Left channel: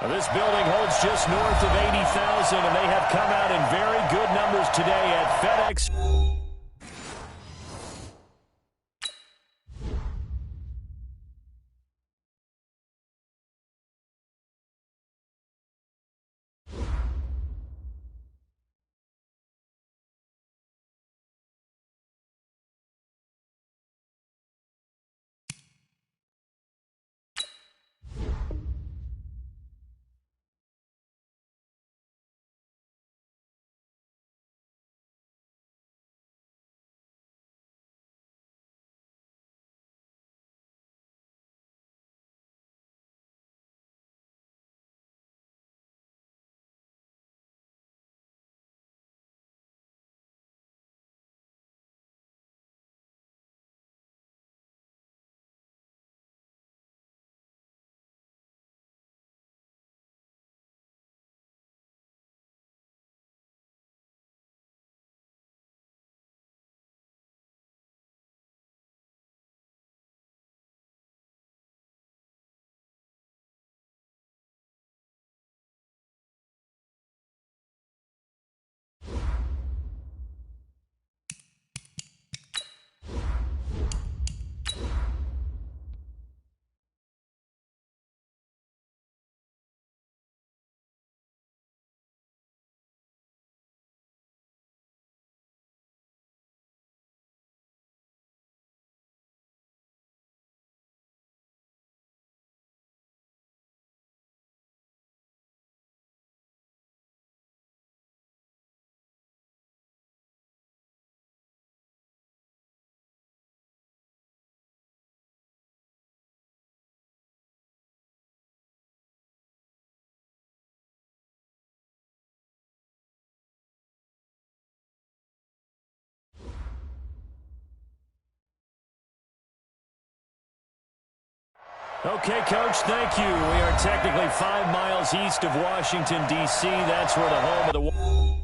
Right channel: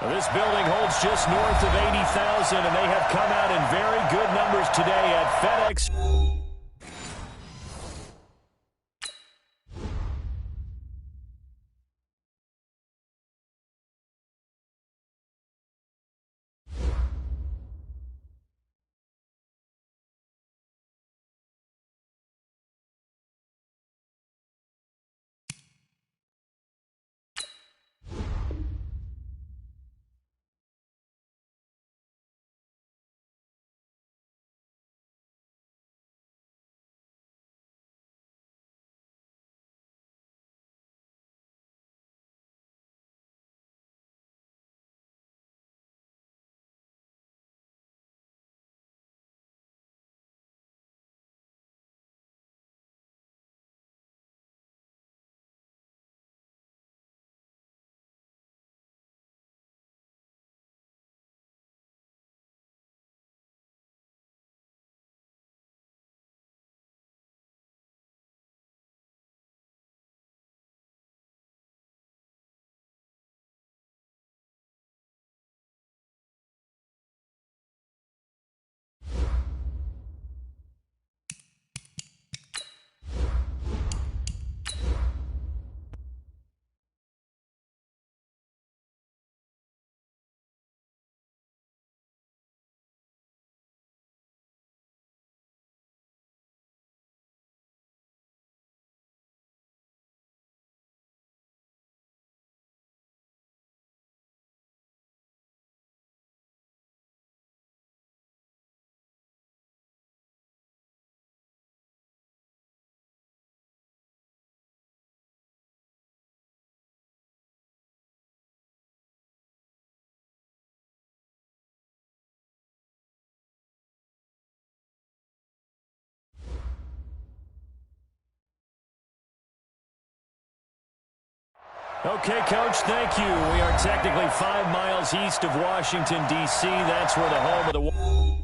Well, this building holds just north of 80,000, and they have come out in very good numbers today at FedEx. Okay, Coach, thank you. We are technically 5 miles east of Washington, D.C. That's where the home of the...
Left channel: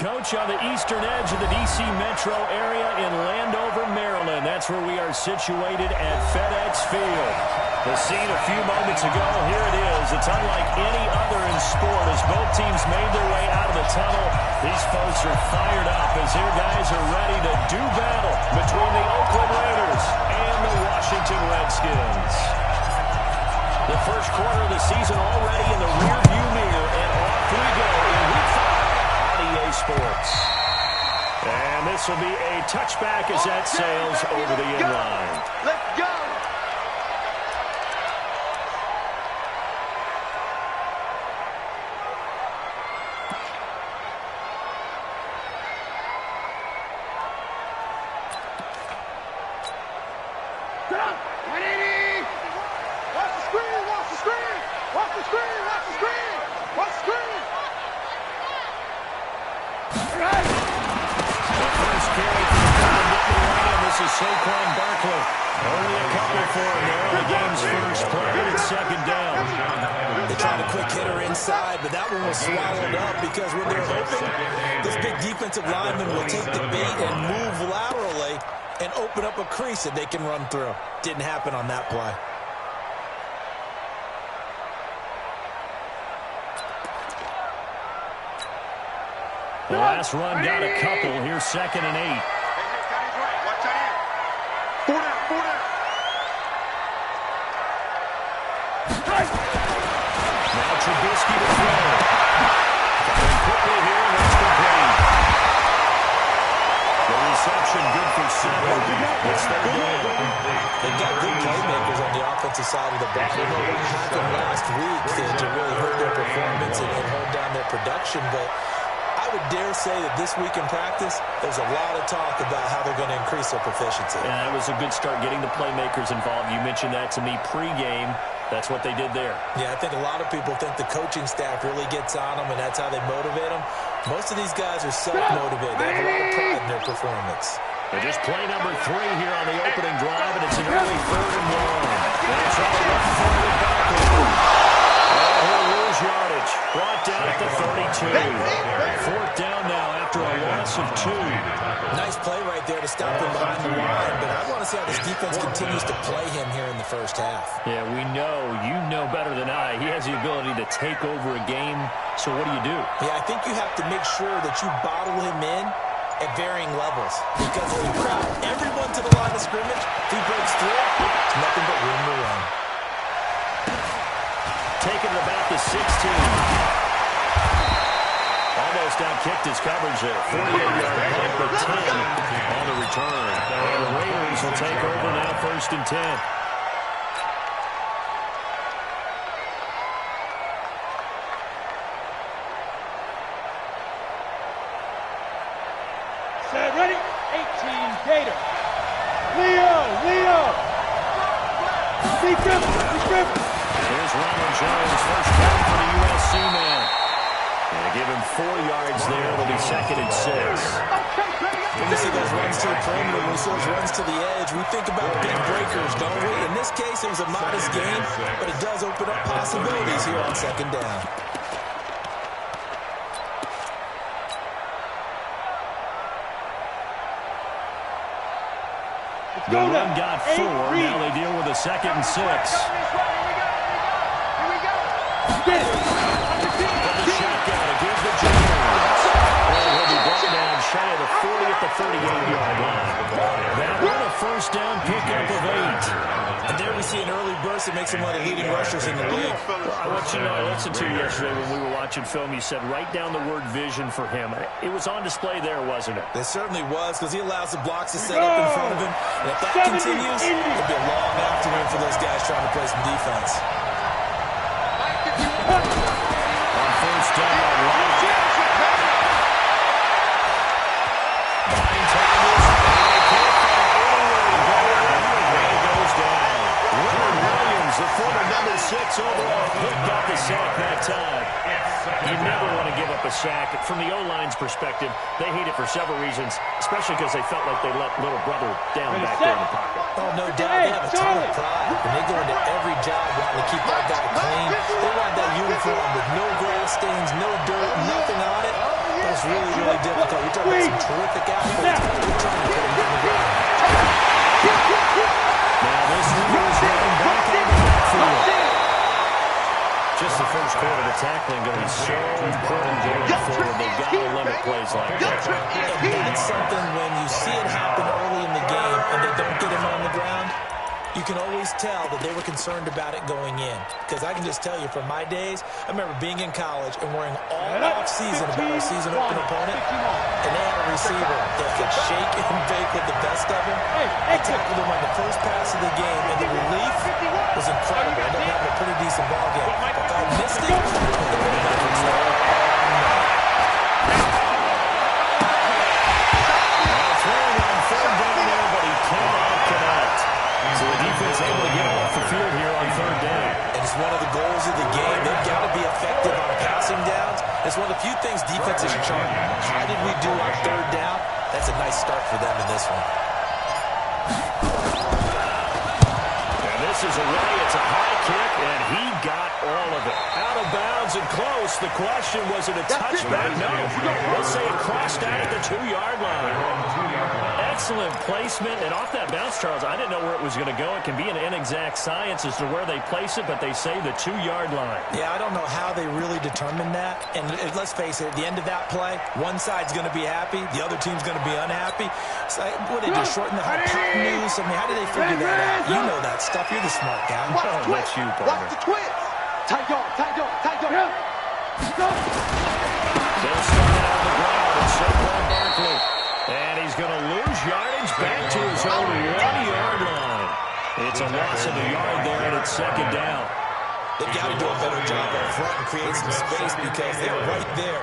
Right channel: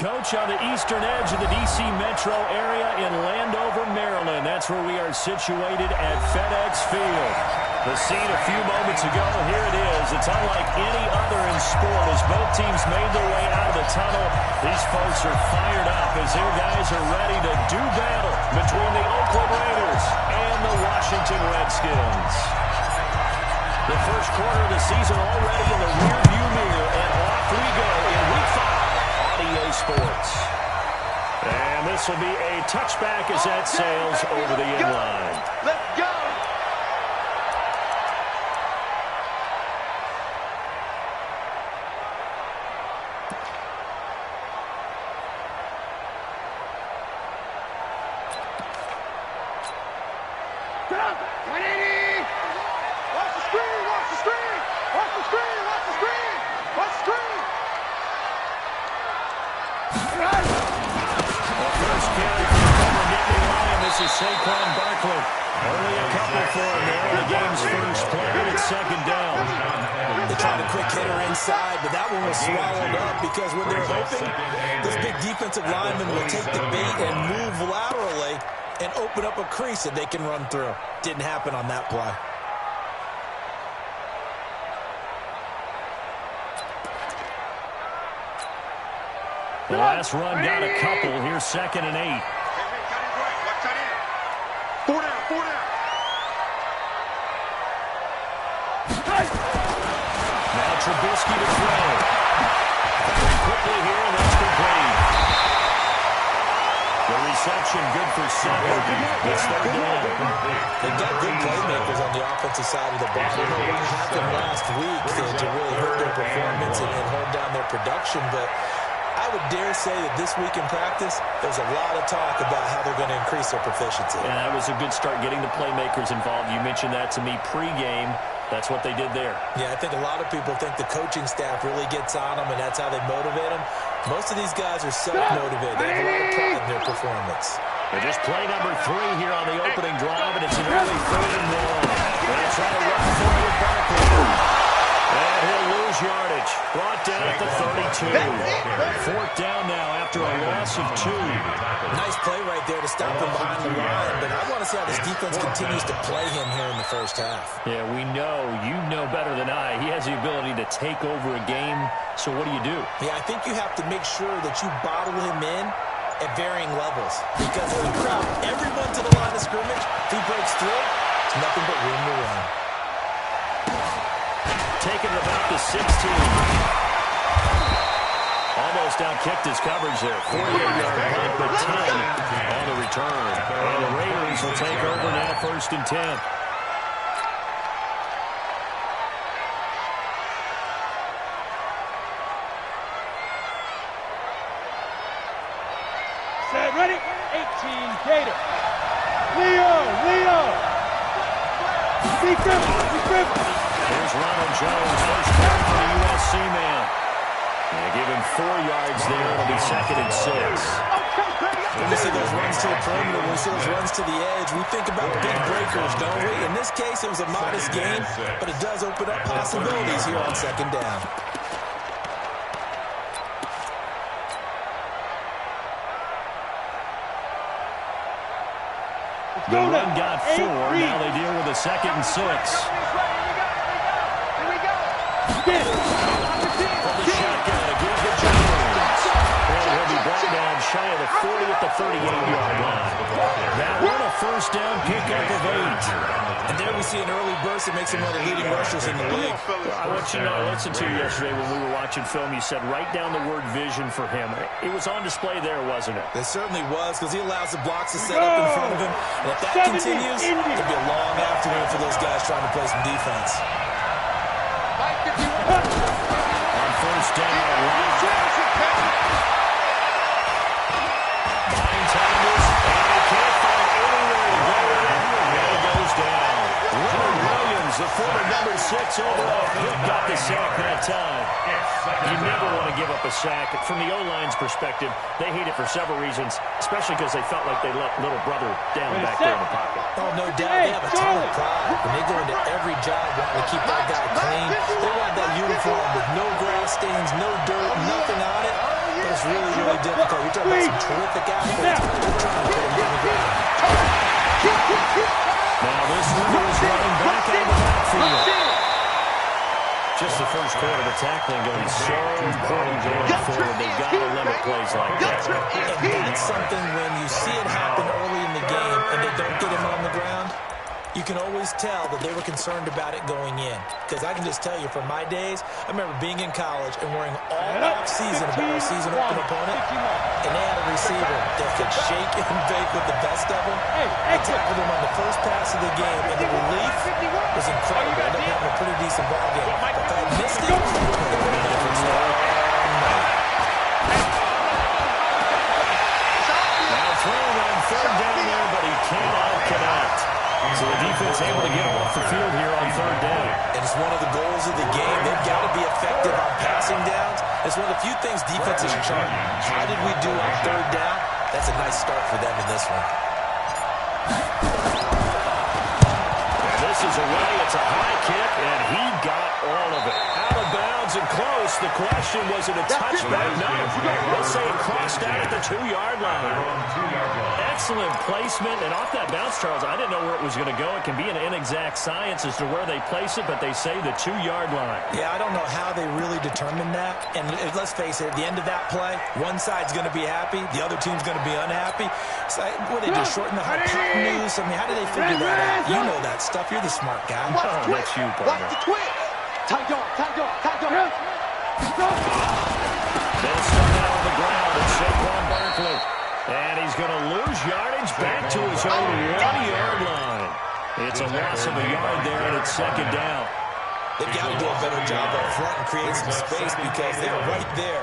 Coach, on the eastern edge of the D.C. metro area in Landover, Maryland. That's where we are situated at FedEx Field. The scene a few moments ago, here it is. It's unlike any other in sport as both teams made their way out of the tunnel. These folks are fired up as their guys are ready to do battle between the Oakland Raiders and the Washington Redskins. The first quarter of the season already in the rearview mirror, and off we go in Week 5 on EA Sports. And this will be a touchback as that sails over the end line. Let's go! Get up! 180! Watch the screen! Watch the screen! Watch the screen! Watch the screen! Watch the screen! Right. The first carry for the former Nittany Lion. This is Saquon Barkley. Only a couple for him there on the game's first play. It's second down. They tried a quick hitter inside, but that one was swallowed up because when they're open, this big defensive lineman will take the bait and move laterally and open up a crease that they can run through. Didn't happen on that play. The last run got a couple. Here's 2nd and 8. Hey, got his right. Watch that in. 4 down, 4 down. Now Trubisky to throw. Very quickly here, and that's complete. The reception good for 7. It's 3rd down. They've got good playmakers on the offensive side of the ball. I don't know what happened last week to really hurt their performance and hold down their production, but I would dare say that this week in practice, there's a lot of talk about how they're going to increase their proficiency. And that was a good start getting the playmakers involved. You mentioned that to me pregame. That's what they did there. Yeah, I think a lot of people think the coaching staff really gets on them, and that's how they motivate them. Most of these guys are self-motivated. They have a lot of pride in their performance. They're just play number 3 here on the opening drive, and it's an early 3rd and long. They try to run for it with Barkley. And he'll lose yardage. Brought down at the 32. 4th down now after a loss of 2. Nice play right there to stop him behind the line, but I want to see how this defense continues to play him here in the first half. Yeah, we know. You know better than I. He has the ability to take over a game, so what do you do? Yeah, I think you have to make sure that you bottle him in at varying levels, because if you crowd everyone to the line of scrimmage, if he breaks through, it's nothing but room to run. Taking it about the 16. Almost outkicked his coverage there. 48-yard punt, but 10 on the return. And the Raiders will take over now, 1st and 10. Set, ready? 18, Gator. Leo. Be crippled. Here's Ronald Jones, first down for the USC man. Yeah, give him 4 yards there. It'll be 2nd and 6. When we see those runs to the perimeter, when we see those runs to the edge, we think about big breakers, don't we? In this case, it was a modest gain, but it does open up possibilities here on 2nd down. The run got 4. Now they deal with a 2nd and 6. Get it. From the shotgun, a give to Jones. And he'll be brought down shy of the 40 at the 38-yard line. That one a first down pickup of 8. And there we see an early burst that makes him one of the leading rushers in the league. Well, I want you to know, I listened to you yesterday when we were watching film. You said write down the word vision for him. It was on display there, wasn't it? It certainly was, because he allows the blocks to set up in front of him. And if that continues, it'll be a long afternoon for those guys trying to play some defense. On first down, behind Thomas, and they can't find anywhere to go with it, and it goes down. Leonard Williams, the former number 6 overall pick, got the sack that time. You never want to give up a sack. From the O-line's perspective, they hate it for several reasons, especially because they felt like they let little brother down back there in the pocket. Oh, no doubt. They have a ton of pride. When they go into every job wanting to keep that guy clean, they want that uniform with no grass stains, no dirt, nothing on it. But it's really, really difficult. You're talking about some terrific athletes. We're trying to put him on the ground. Now this one is running back out of the backfield. Just the first quarter, the tackling going to be so important going forward. They've got to limit plays like that. And that's something when you see it happen early in the game and they don't get him on the ground, you can always tell that they were concerned about it going in. Because I can just tell you, from my days, I remember being in college and worrying all off-season about our season-open opponent, and they had a receiver that could shake and bake with the best of them. I tackled him on the first pass of the game, and the relief was incredible. I ended up having a pretty decent ball game. But if I had missed it, it would have been a concern. Now throwing on third down there, but he cannot connect. So the defense able to get off the field here on third down. And it's one of the goals of the game. They've got to be effective on passing downs. It's one of the few things defenses chart. How did we do on third down? That's a nice start for them in this one. And this is away. It's a high kick, and he got all of it. Out of bounds and close. The question, was it a touchback? No. They'll say it crossed out at the 2-yard line. Excellent placement, and off that bounce, Charles, I didn't know where it was going to go. It can be an inexact science as to where they place it, but they say the 2-yard line. Yeah, I don't know how they really determined that. And let's face it, at the end of that play, one side's going to be happy, the other team's going to be unhappy. So, what did they do, shorten the hypotenuse? I mean, how did they figure that out? You know that stuff. You're the smart guy. Oh, that's you, partner. Watch the twist. Tight dog, tight dog, tight dog. They'll start out on the ground, and Saquon Barkley. And he's going to lose yardage back to his own 1-yard line. It's a loss of a yard there, and it's second down. They've got to do a better job up front and create some space because they're right there,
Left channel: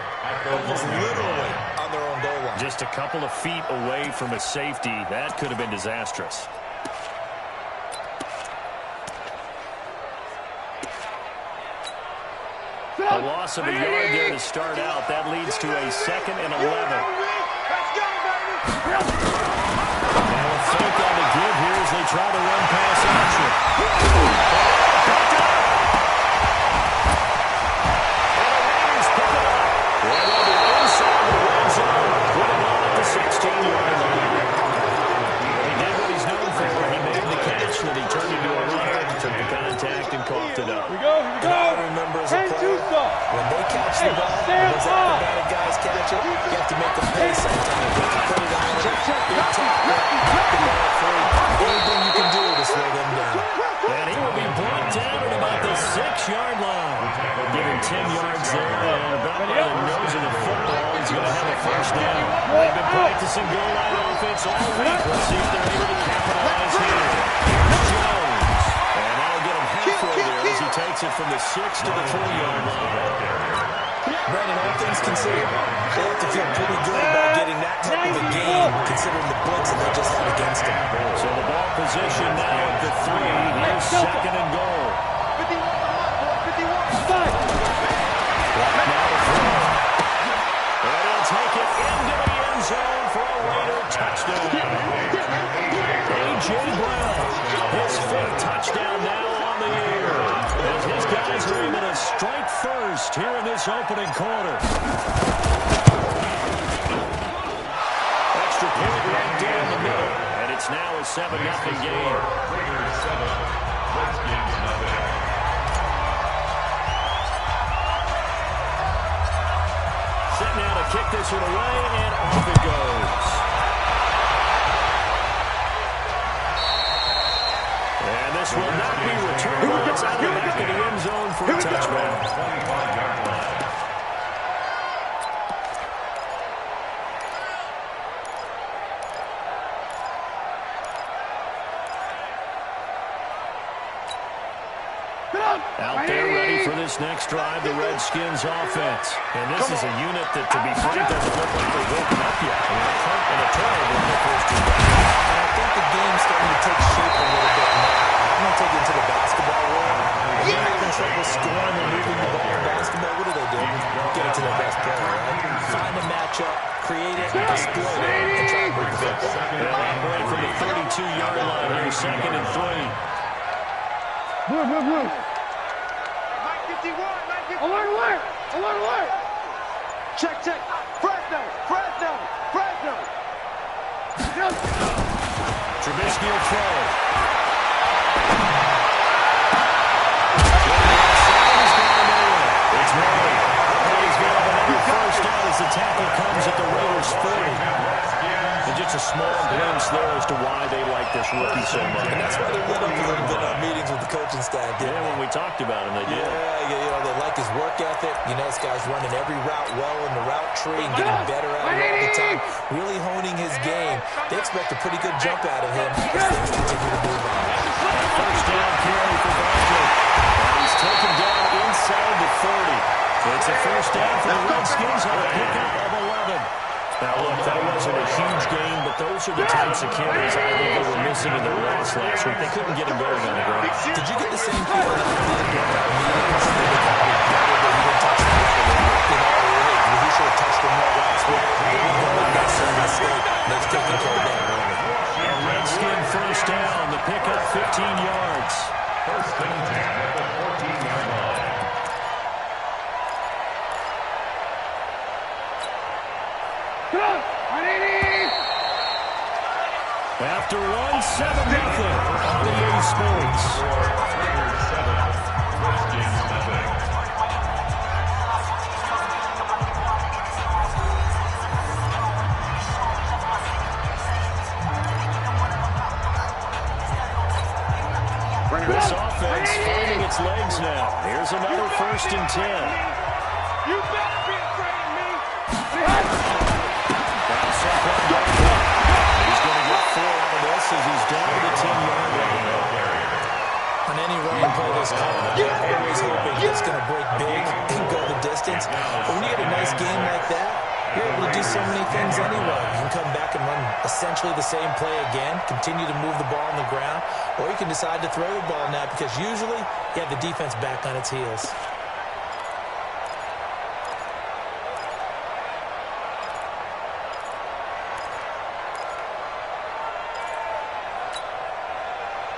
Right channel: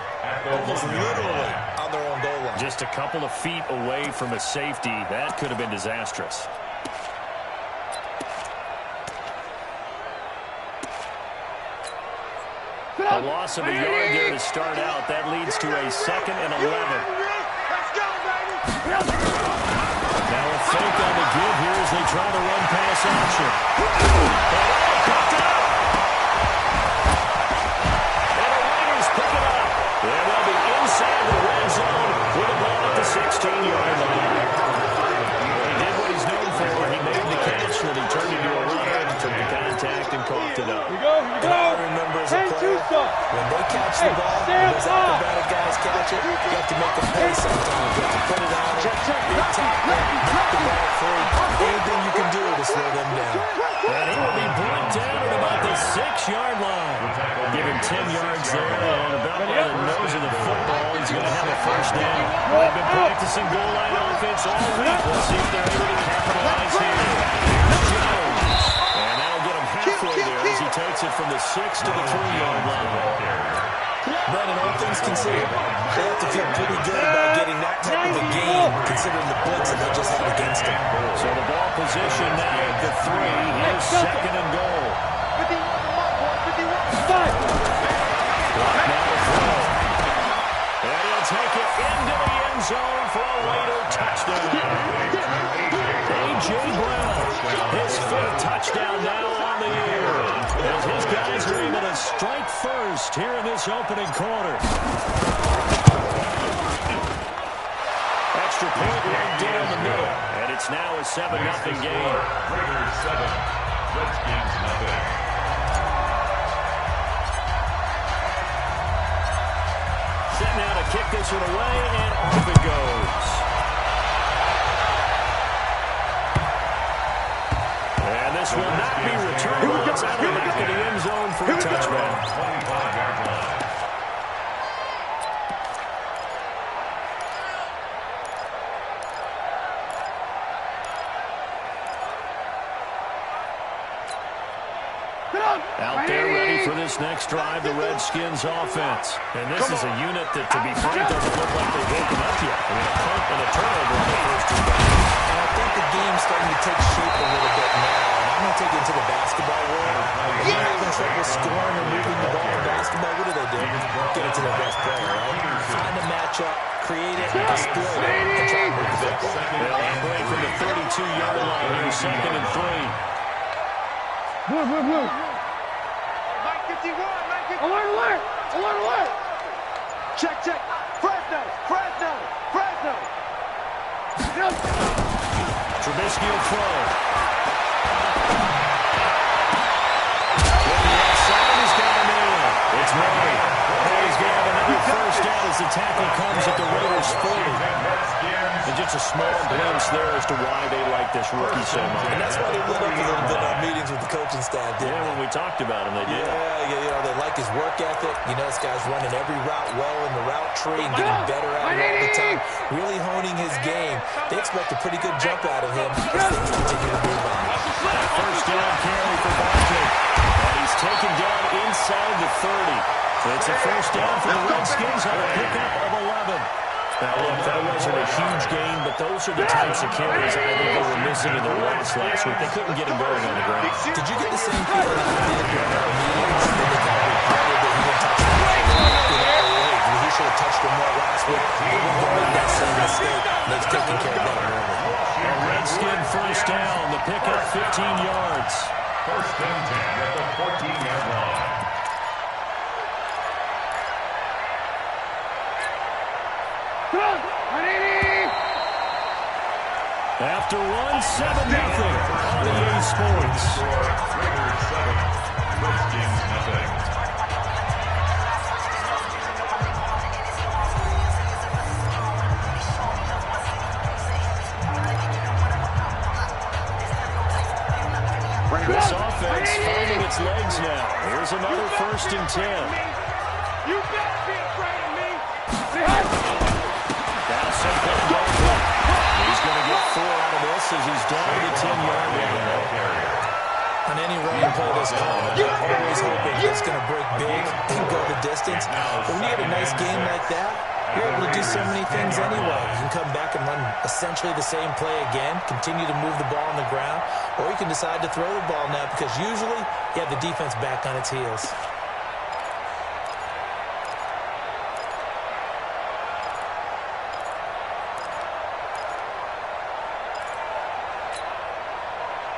almost literally on their own goal line. Just a couple of feet away from a safety. That could have been disastrous. A loss of a yard there to start out. That leads to a 2nd and 11. Let's go, baby. Now a fake on the give here as they try to run pass action. And the Raiders pick it up. And they'll be inside the red zone with the ball at the 16-yard line. He did what he's known for. He made the catch, then he turned into a runner, took the contact, and coughed it up. Here we go, here we go. I remember as a player, when they catch the ball, when those acrobatic guys catch it, you have to make them pay sometimes. You have to put it on them, big tackle, knock the ball free. Anything you can do to slow them down. And he will be brought down at about the 6-yard line. Give him 10 yards there, and about by the nose of the football, he's going to have a first down. They've been practicing goal line offense all week. Let's see if they're able to capitalize here. Jones. And that'll get him halfway there as he takes it from the 6 to the 3-yard line. Brandon, all things considered, they have to feel pretty good about getting that type of a game, considering the blitz that they just had against them. So the ball position now at the 3. Here's 2nd and goal. 51 to my boy, 51. Clock now to throw. And he'll take it into the end zone for a Raider touchdown. A.J. Brown, his 5th touchdown now on the year, as his guys are able to strike first here in this opening quarter. Extra point right down the middle, and it's now a 7-0 game. Raiders 7, Redskins nothing. Set now to kick this one away, and off it goes. And this will not be returnable. It's out of the back of the end zone for a touchback. 25-yard line. Out there ready for this next drive, the Redskins offense. And this is a unit that, to be frank, doesn't look like they've woken up yet. I mean, a punt and a turnover on their first 2 drives. And I think the game's starting to take shape a little bit now. And I'm going to take it into the basketball world. When you're having trouble scoring and moving the ball in basketball, what do? Get it to their best player, right? Find a matchup, create it, exploit it, and try to move the football. They'll operate from the 32-yard line here, 2nd and 3. Blue. Mike 51, Mike 51. Alert, alert. Alert, alert. Check. Fred. Fresno! Fresno! Fresno! Trubisky will throw. It's Murray. And he's going to have another first down as the tackle comes at the Raiders' 40. And just a small glimpse there as to why they like this rookie so much. And that's why they lit up a little bit on meetings with the coaching staff, didn't when we talked about him, they did. Yeah, they like his work ethic. You know, this guy's running every route well in the route tree and getting better at it all the time. Really honing his game. They expect a pretty good jump out of him as things continue to move on. First down carry for Barkley. And he's taken down inside the 30. It's a first down for the Redskins on a pickup of 11. Now, look, that wasn't a huge gain, but those are the types of carries I think they were missing in their loss last week. They couldn't get him going on the ground. Did you get the same feeling that they did during our meetings? That they kind of regretted that he didn't touch him more? He should have touched him more last week. They weren't going to make that same mistake. They've taken care of that early. A Redskin first down. The pickup 15 yards. First and 10 at the 14-yard line. After 1-7-0 on EA Sports. Raiders 7, Redskins nothing. This offense finding its legs now. Here's another first and 10. You better be afraid of me. Now Saquon Barkley. He's going to get 4 out of this as he's down to the 10-yard line. On any running play that's called, you're always hoping it's going to break big and go the distance. But when you get a nice game like that, you're able to do so many things anyway. You can come back and run essentially the same play again, continue to move the ball on the ground, or you can decide to throw the ball now because usually you have the defense back on its heels.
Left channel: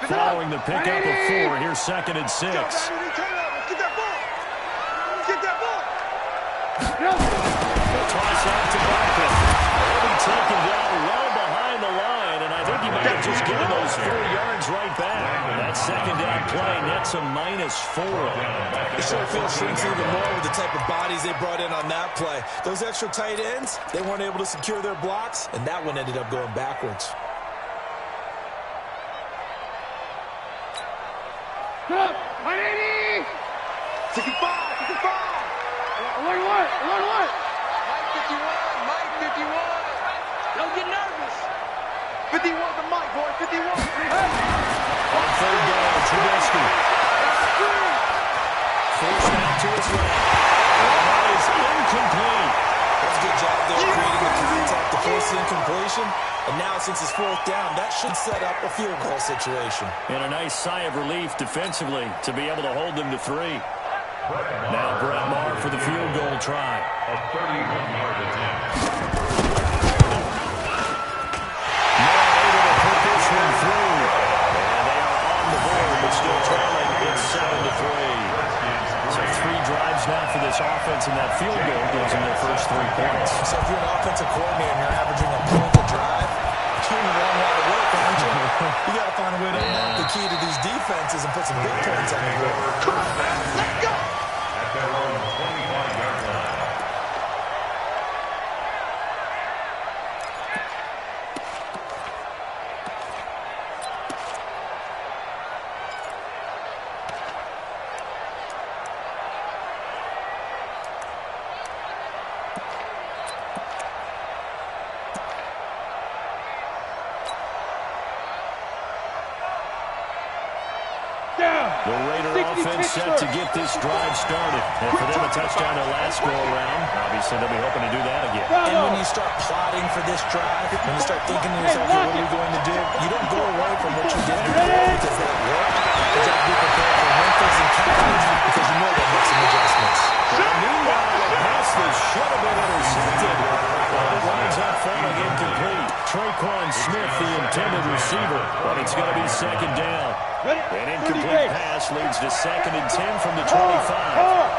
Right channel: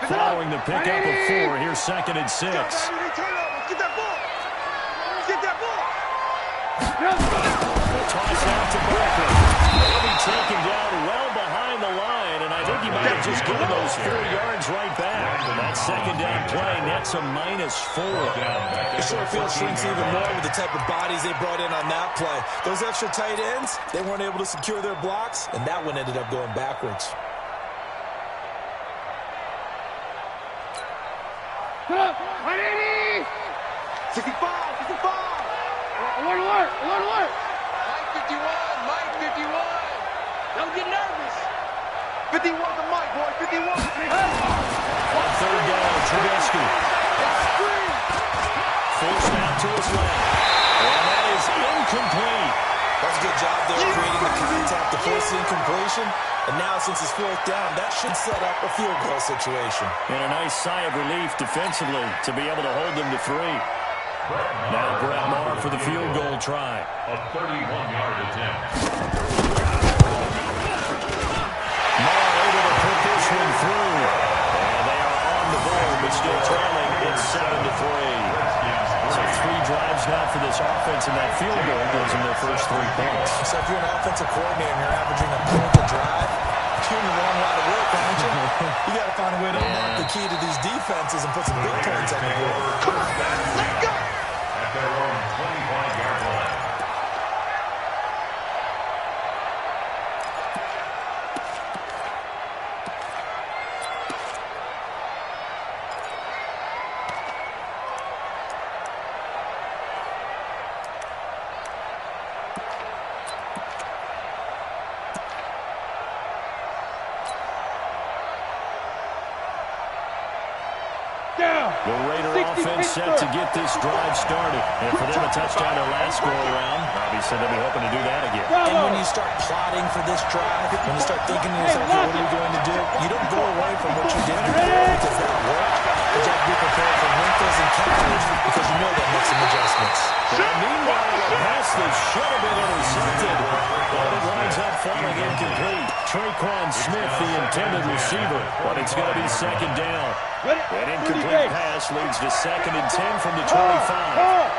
Following the pickup of 4, here's second and 6. Turn over. Get that ball. Get that ball. The toss out to Barkley. He'll be taken down well behind the line, and I think he might have just given those 4 yards right back. That second down play nets a -4. The short field shrinks even more with the type of bodies they brought in on that play. Those extra tight ends, they weren't able to secure their blocks, and that one ended up going backwards. 180! 65! 65! Alert, alert! Alert, alert! Mike 51! Mike 51! Don't get nervous! 51 the Mike, boy! 51! On third down, Trubisky. Forced out to his left. And that is incomplete. That was a good job there creating the contact to force the incompletion. And now, since it's 4th down, that should set up a field goal situation. And a nice sigh of relief defensively to be able to hold them to 3. Now Brett Maher for the field goal try. A 31-yard attempt. Maher able to put this one through. And they are on the board, but still trailing. It's 7-3. So 3 drives now for this offense, and that field goal gives them their first 3 points. So if you're an offensive coordinator and you're averaging a point a drive, you're in the wrong line of work, aren't you? You got to find a way to unlock the key to these defenses and put some big points on the board. Come on, let's go! At their own 25-yard line. The Raider offense set to get this drive started. And for them, a touchdown their last go-around. Obviously, they'll be hoping to do that again. And when you start plotting for this drive, when you start thinking to yourself, okay, what are we going to do? You don't go away from what you did before because that worked. You have to be prepared for wrinkles and counters because you know they'll make some adjustments. Well, meanwhile, a pass that should have been intercepted, but it winds up falling incomplete. Traquan Smith, the intended receiver, but it's going to be second down. An incomplete pass leads to 2nd and 10 from the 25.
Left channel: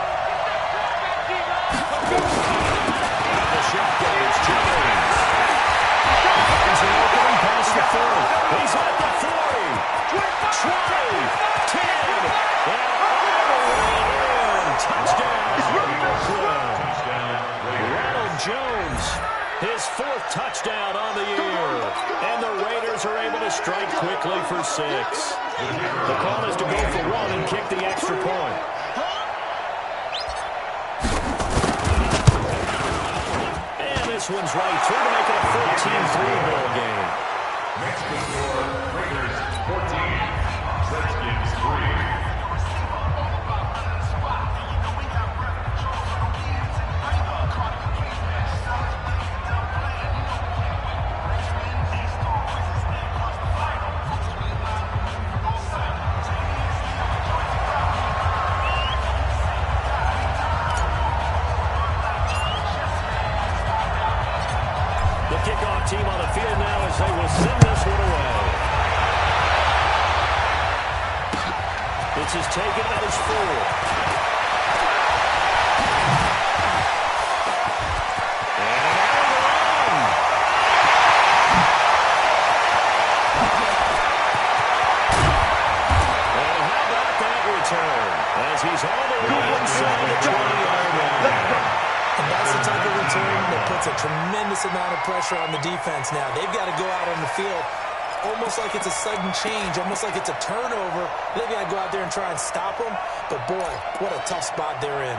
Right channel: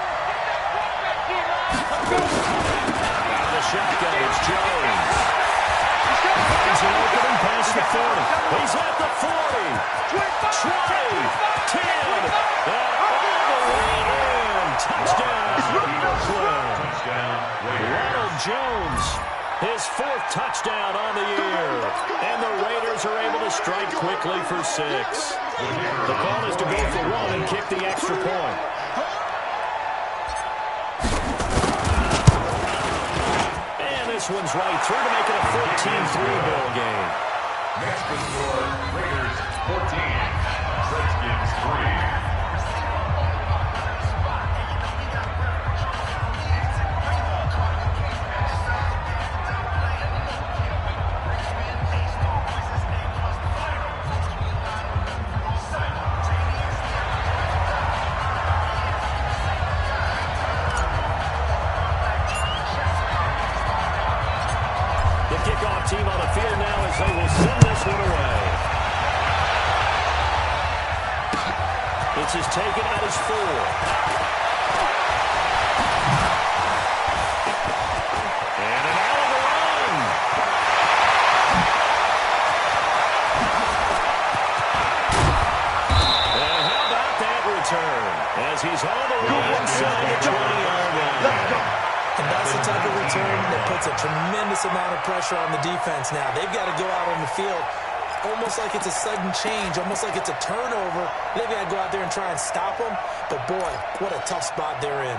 The shotgun. It's Jones. Finds an opening past the 30. He's at the 40. 20. 10. And all the way in. Touchdown. Ronald Jones. His 4th touchdown on the year. And the Raiders are able to strike quickly for 6. The call is to go for 1 and kick the extra point. And this one's right through to make it a 14-3 ball game. Next to score, Raiders 14, Redskins 3. Kickoff team on the field now as they will send this one away. This is taken at his 4. And an alley to run. And how about that return? As he's all the way inside the 20-yard line. Let's go. And that's the type of return that puts a tremendous amount of pressure on the defense now. They've got to go out on the field almost like it's a sudden change, almost like it's a turnover. They've got to go out there and try and stop them. But, boy, what a tough spot they're in.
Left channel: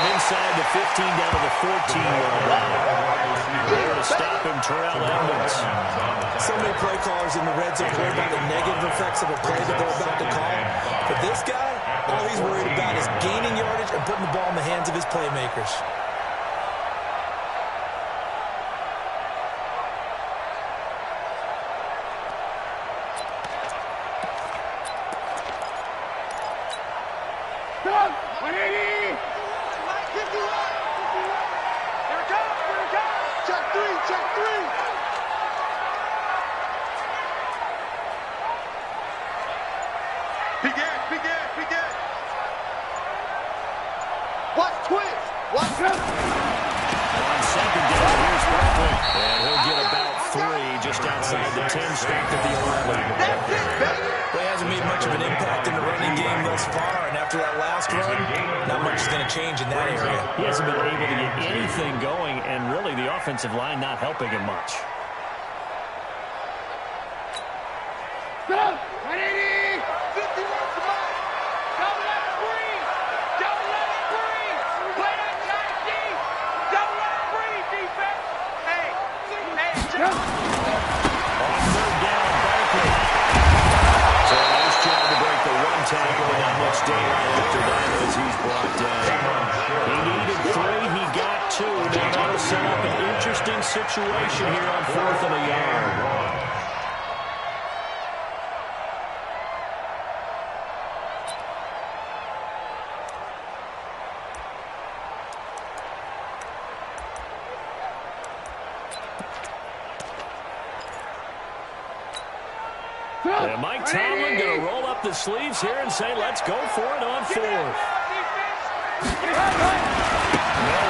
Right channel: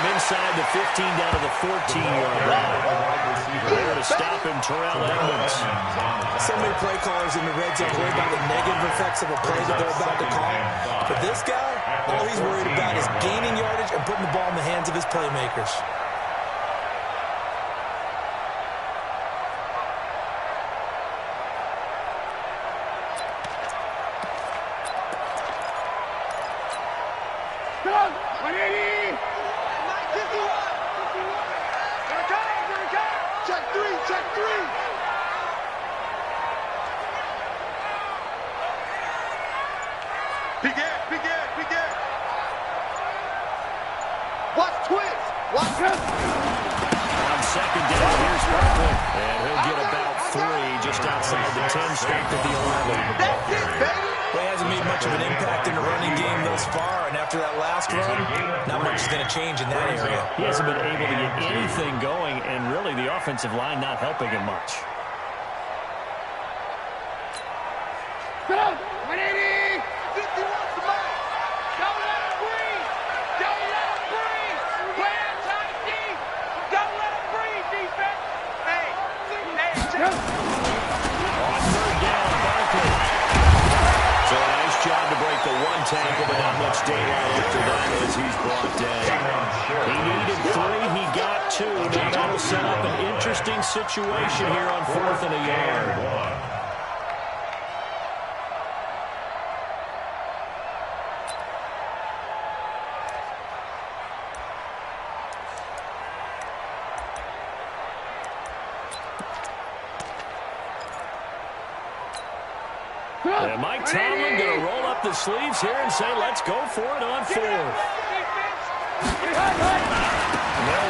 Inside the 15 down to the 14-yard line. There to stop him, Terrell Edmonds. So many play callers in the red zone worry about the negative effects of a play that they're about to call. But this guy, all he's worried about is gaining yardage and putting the ball in the hands of his playmakers. Come on, 180! Mike, 51! Here it comes, here it comes! Check 3, check 3! Begin! Watch twist! Watch this! On second down, here's Barkley. And he'll get about 3 just outside the 10, stopped at the 11. That's it, baby! Well, he hasn't made much of an impact in the running game thus far, and after that last run, not much is going to change in that area. He hasn't been able to get anything going, and really the offensive line not helping him much. Stop! 180! 51 for Mike! Don't let him breathe! Don't let him breathe! Play that tight deep! Don't let him breathe, defense! Hey, check! On third down, Barkley. So a nice job to break the 1 tackle, but not much daylight after that as he's brought down. He needed 3, he got 2. Now that'll set up an interesting situation here on 4th and a yard. And Mike Tomlin going to roll up the sleeves here and say, let's go for it on 4th. They'll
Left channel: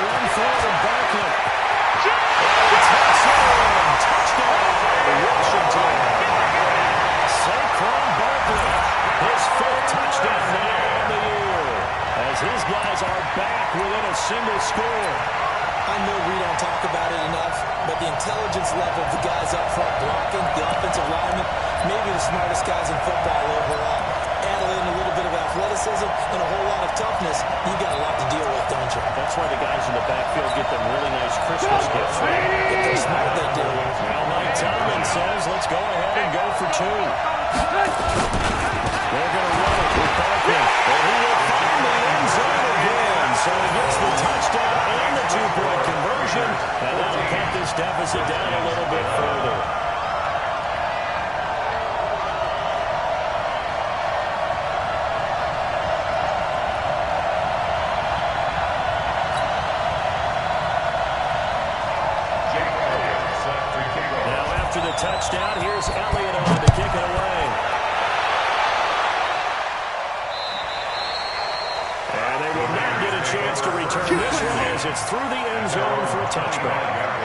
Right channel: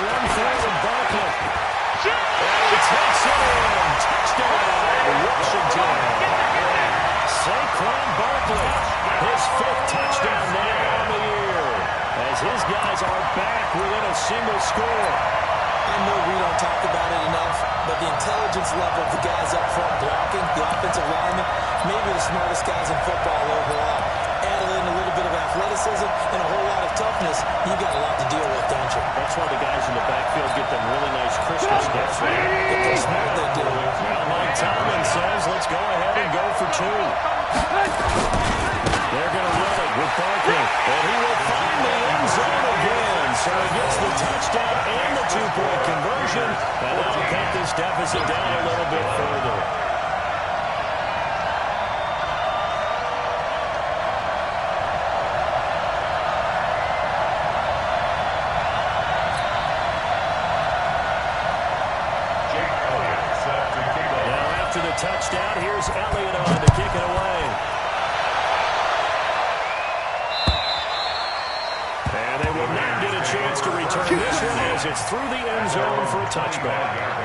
run forward, Barkley. And he takes it in. Touchdown, Washington. Saquon Barkley, his 5th touchdown now on the year, as his guys are back within a single score. I know we don't talk about it enough, but the intelligence level of the guys up front blocking, the offensive linemen, maybe the smartest guys in football overall. Add in a little bit of athleticism and a whole lot of toughness, you got a lot to deal with, don't you? That's why the guys in the backfield get them really nice Christmas gifts. If they're smart, they do. Now Mike Tomlin says, let's go ahead and go for 2. They're going to run it with Barker, and he will find the end zone again. So he gets the touchdown and the two-point conversion, and that'll cut this deficit down a little bit further. After the touchdown, here's Elliott on to kick it away. And they will not get a chance to return this one as it's through the end zone for a touchback.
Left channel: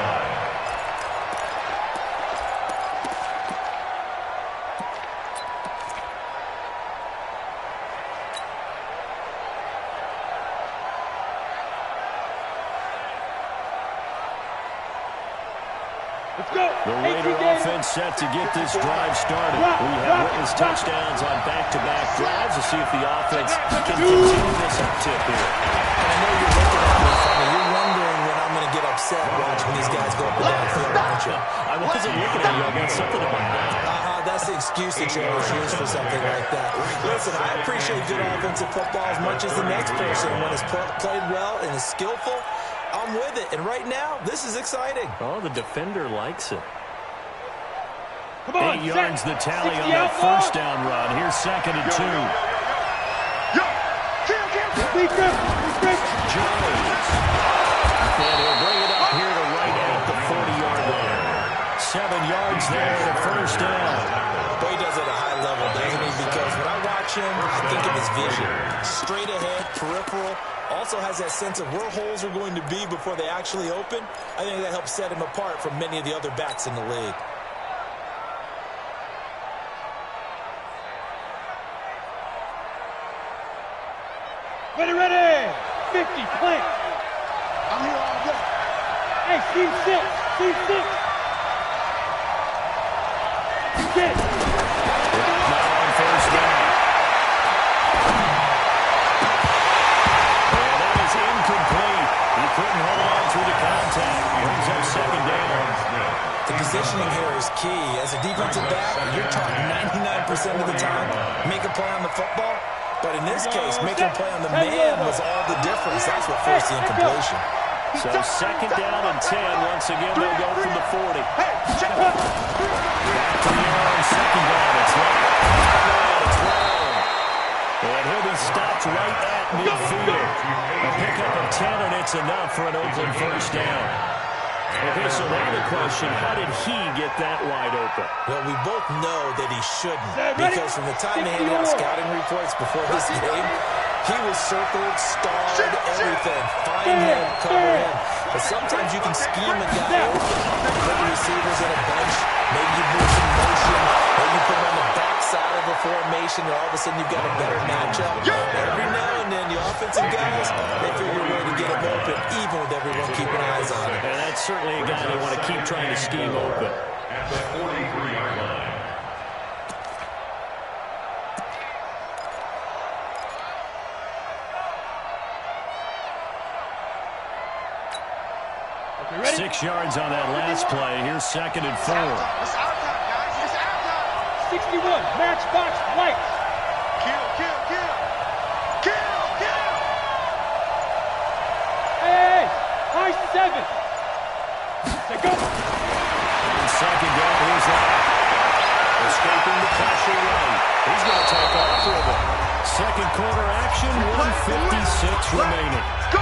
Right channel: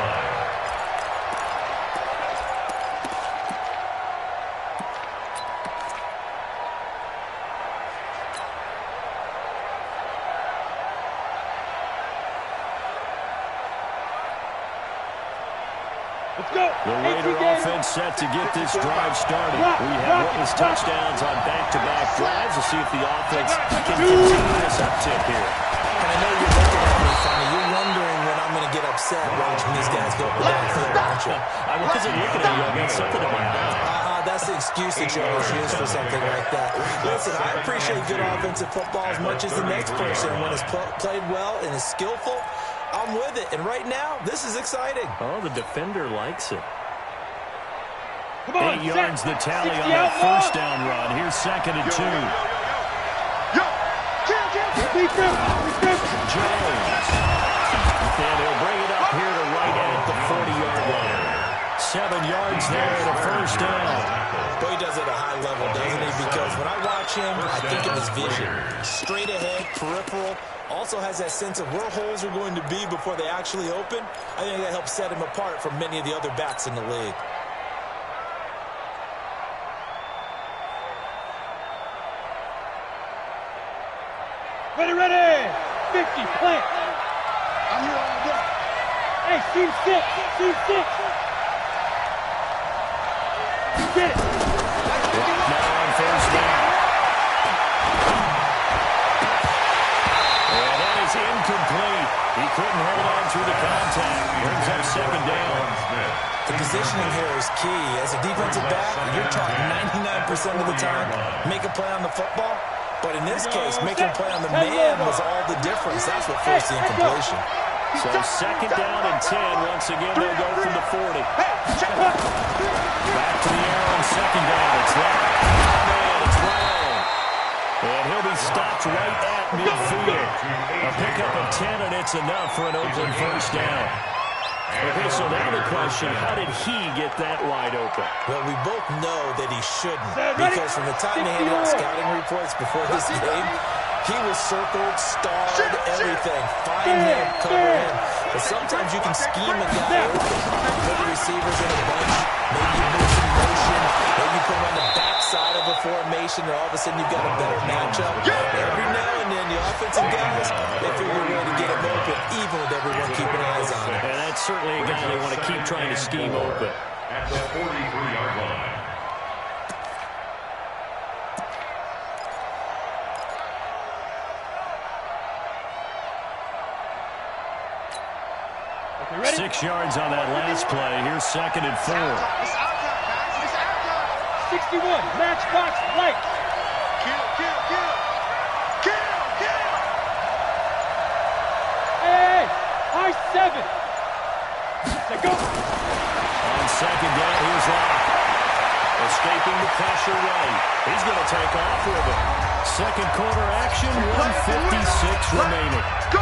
Let's go. The Raider offense set to get this drive started. We have witnessed touchdowns on back-to-back drives. We'll see if the offense can continue this uptick here. And I know you're looking at me funny. You're wondering when I'm going to get upset watching these guys go up and down the field, aren't you? I wasn't looking at you. I got something in my eye. That's the excuse that you always use for something like that. Listen, I appreciate good offensive football as much as the next person. When it's played well and is skillful, I'm with it. And right now, this is exciting. Oh, the defender likes it. Come on, 8 yards the tally on that first down run. Here's 2nd and 2. Jones. And he'll bring it up here to right at the 40-yard line. 7 yards there and a first down. Boy, he does it at a high level, doesn't he? Because when I watch him, I think of his vision. Straight ahead, peripheral. Also has that sense of where holes are going to be before they actually open. I think that helps set him apart from many of the other backs in the league. Ready. 50, plant. I'm here all day. Hey, seam 6. Get it. Now on first down. And that is incomplete. He couldn't hold on through the contact. Brings up 2nd down. The positioning here is key. As a defensive back, you're taught 99% of the time, make a play on the football. But in this case, making a play on the man was all the difference. That's what forced the incompletion. So 2nd down and 10. Once again, they'll go from the 40. Back to the air on 2nd down. It's left. Man, it's wrong. And he'll be stopped right at midfield. A pickup of 10, and it's enough for an Oakland first down. Okay, so now the question, how did he get that wide open? Well, we both know that he shouldn't, because from the time they handed out scouting reports before this game, he was circled, starred, everything. Find him, cover him. But sometimes you can scheme a guy open. Put the receivers in a bunch. Maybe you move some motion. Maybe you put him on the backside of a formation, and all of a sudden you've got a better matchup. Every now and then, the offensive guys, they figure a way to get him open, even with everyone keeping eyes on him. And that's certainly a guy they want to keep trying to scheme open. At the 43-yard line. Okay, ready? 6 yards on that last play. Here's 2nd and 4. It's our time, guys. It's our time. 61, matchbox lights. Kill. Hey, high 7. Say go. On 2nd down, here's Locke. Escaping the pressure right. He's going to take off with it. 2nd quarter action, 1:56 remaining. Go.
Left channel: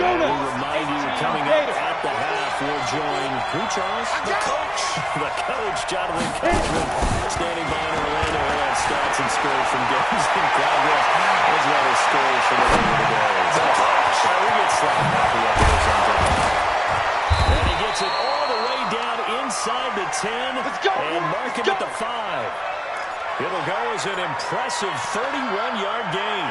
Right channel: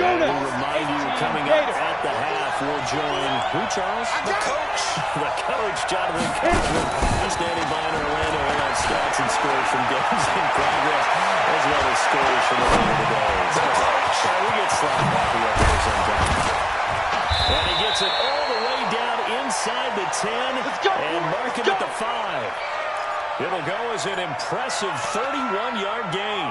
And we'll remind you, coming up at the half, we'll join who, Charles? The coach. The coach, Jonathan Coachman, standing by in Orlando. He'll have stats and scores from games in progress, as well as scores from over the days. We get slapped happy up here sometimes. And he gets it all the way down inside the 10 and mark him at the 5. It'll go as an impressive 31-yard gain.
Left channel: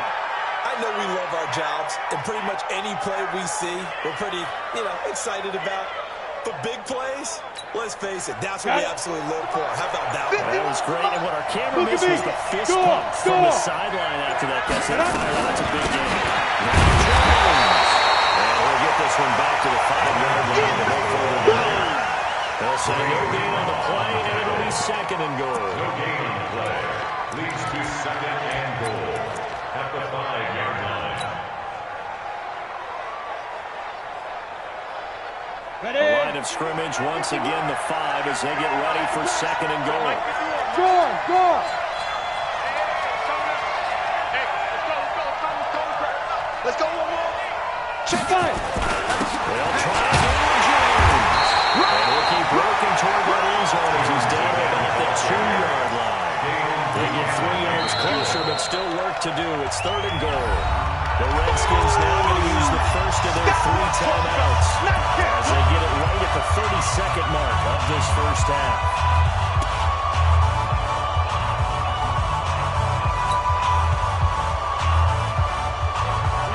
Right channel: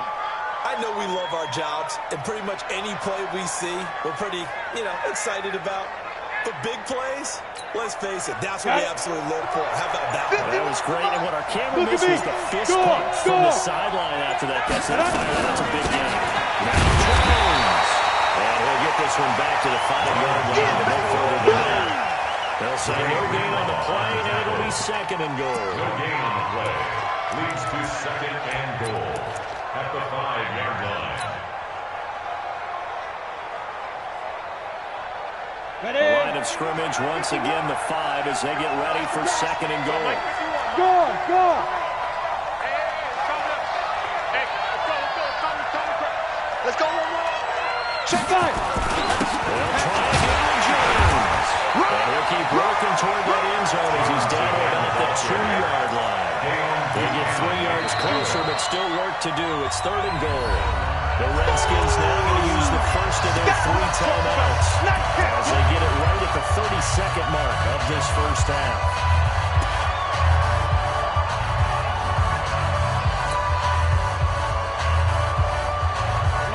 I know we love our jobs, and pretty much any play we see, we're pretty, excited about. For big plays, let's face it, that's what we absolutely live for. How about that one? That was great, and what our camera missed was the fist pump from the sideline after that gets that fired. That's a big game. Now Jones. And he'll get this one back to the 5-yard line to go further than that. They'll say no gain on the play, and it'll be 2nd and goal. No gain on the play. Leads to 2nd and goal at the 5-yard line. The line of scrimmage once again the 5 as they get ready for 2nd and goal. Go! Hey, let's go one more. Check five. They'll try again with Jones. And he'll keep working toward that end zone as he's down to about the 2-yard line. They get 3 yards closer, but still work to do. It's 3rd and goal. The Redskins now going to use the first of their 3 timeouts as they get it right at the 32nd mark of this first half.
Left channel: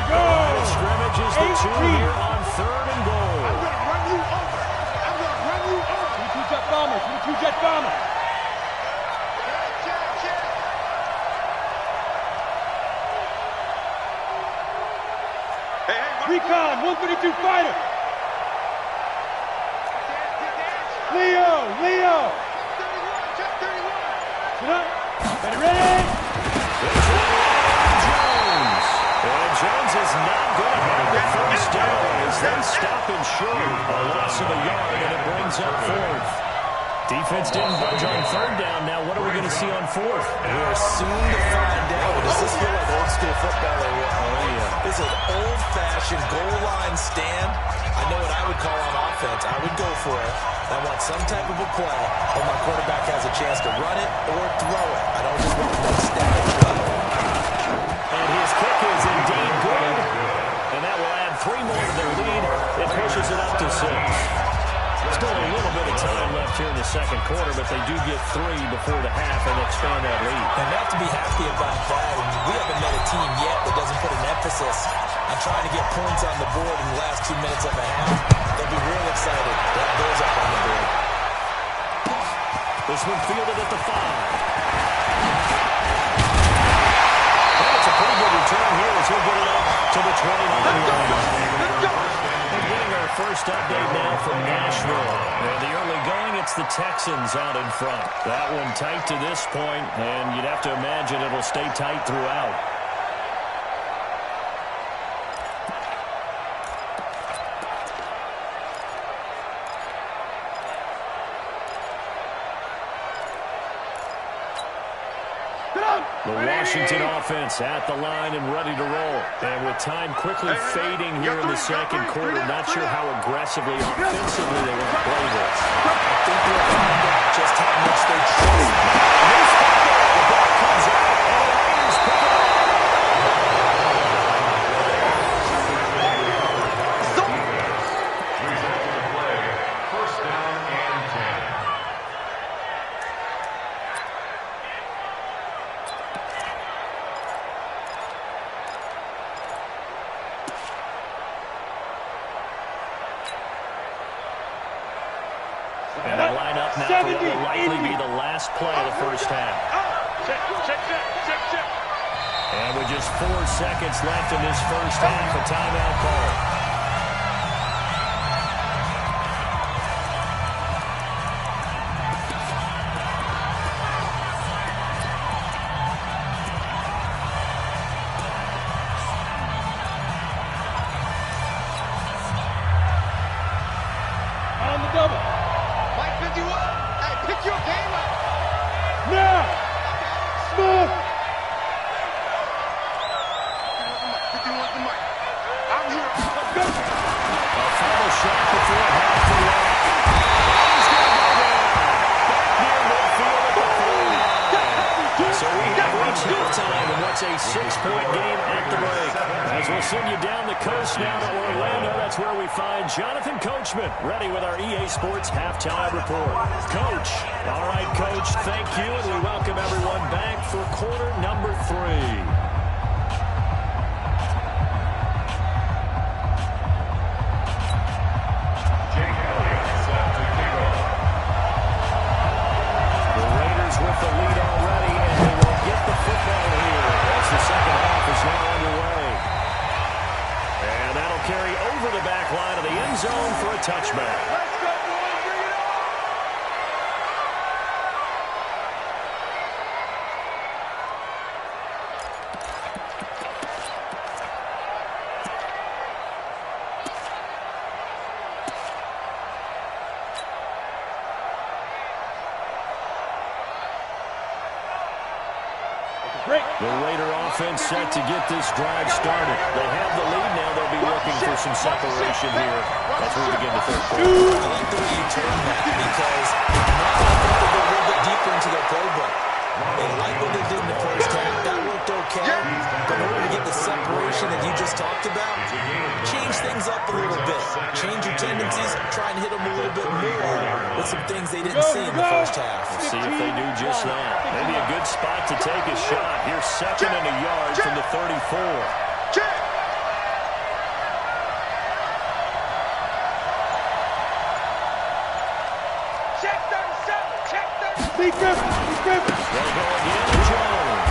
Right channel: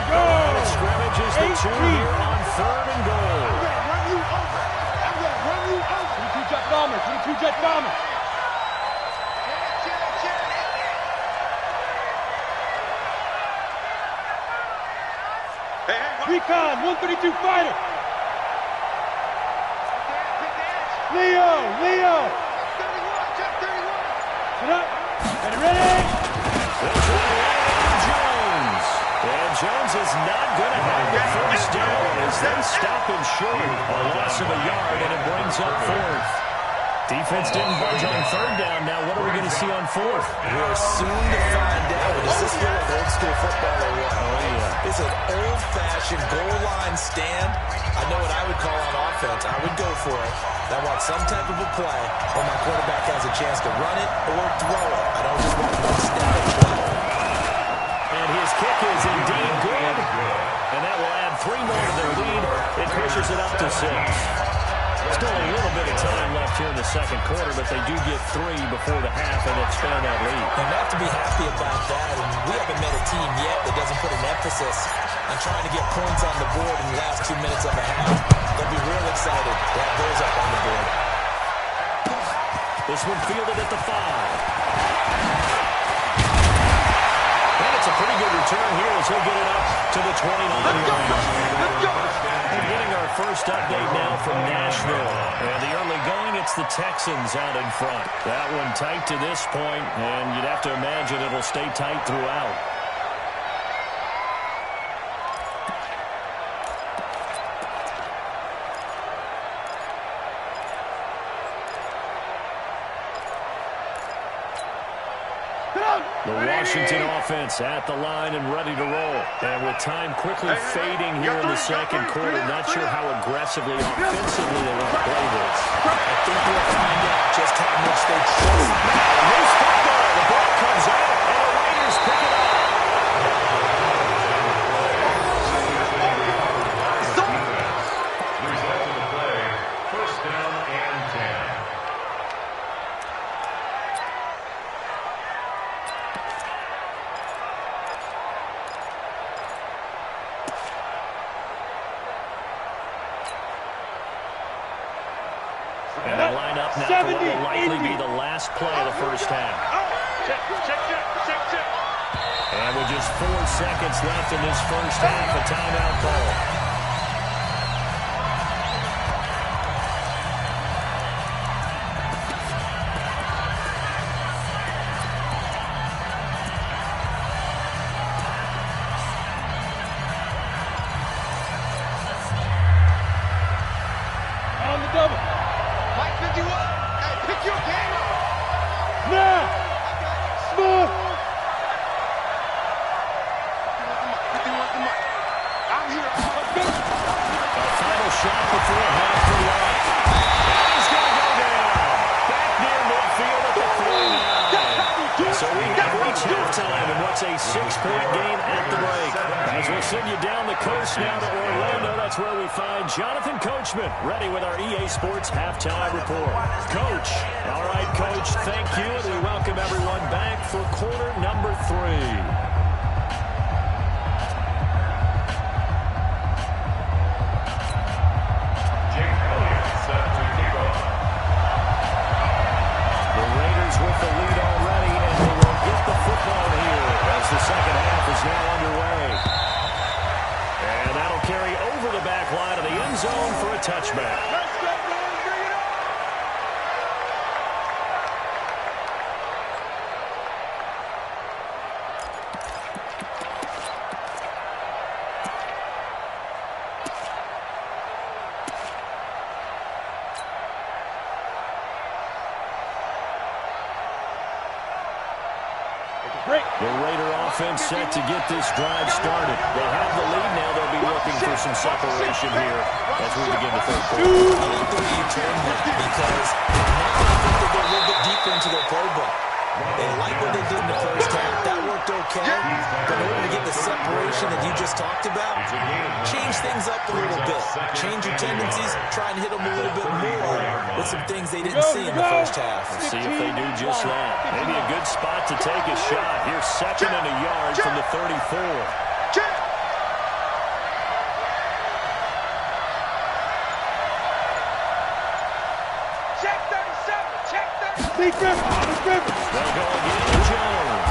The line of scrimmage is the 2 here on 3rd and goal. I'm going to run you over. I'm going to run you over. 22 jet bomber. 22 jet bomber. Check. Hey, Recon, 132 fighter. Leo. Check 31. Sit up. Ready. There's one Jones. And Jones is not going to have the first down as they stop him short. A loss of a yard, and it brings up 4th. Defense didn't budge on 3rd down. Now what are we going to see on 4th? We are soon to find out. But does this feel like old school football or what? Oh, yeah. It's an old-fashioned goal line stand. I know what I would call on offense. I would go for it. I want some type of a play when my quarterback has a chance to run it or throw it. I don't just want one static play. And his kick is indeed good. And that will add 3 more to their lead. It pushes it up to 6. Still a little bit of time left here in the 2nd quarter, but they do get 3 before the half and expand that lead. And they have to be happy about that. And we haven't met a team yet that doesn't put an emphasis on trying to get points on the board in the last 2 minutes of a half. They'll be real excited to have those up on the board. This one fielded at the 5. And it's a pretty good return here as he'll get it up to the 29-yard line. Let's go. And getting our first update now from Nashville. And the early going, it's the Texans out in front. That one tight to this point, and you'd have to imagine it'll stay tight throughout. The Washington offense at the line and ready to roll. And with time quickly fading here in the 2nd quarter, not sure how aggressively offensively they want to play this. I think we'll find out just how much they trust. Loose football. The ball comes out, and the Raiders pick it up. Result of the play, 1st down and 10. And they line up now for what will likely be the last play of the first half. Check. And with just 4 seconds left in this first half, a timeout call. On the double. Mike 51. Hey, pick your game up. Now. Smooth. 51's the mic. I'm here. Let's go. A final shot before half to left. And he's going to go down. Back near midfield at the 49. So we have reached halftime in what's a 6-point game at the break. As we'll send you down the coast now to Orlando, that's where we find Jonathan Coachman, ready with our EA Sports Halftime Report. Coach. All right, Coach, thank you, and we welcome everyone back for quarter number 3. Jake Elliott touchback. Let's go, boys. Bring it on. The Raider offense set to get this drive started. They have the lead now. They'll be looking for some separation here as we begin the third quarter. I like the way you turn that because now I think they go a little bit deeper into their playbook. They like what they did in the first half. That worked okay. But in order to get the separation that you just talked about, change things up a little bit. Change your tendencies. Try and hit them a little bit more with some things they didn't see in the first half. We'll see if they do just that. Maybe a good spot to take a shot. Here's 2nd and a yard from the 34. Check 37. Check 37. Lee Griffin. They'll go again to Jones.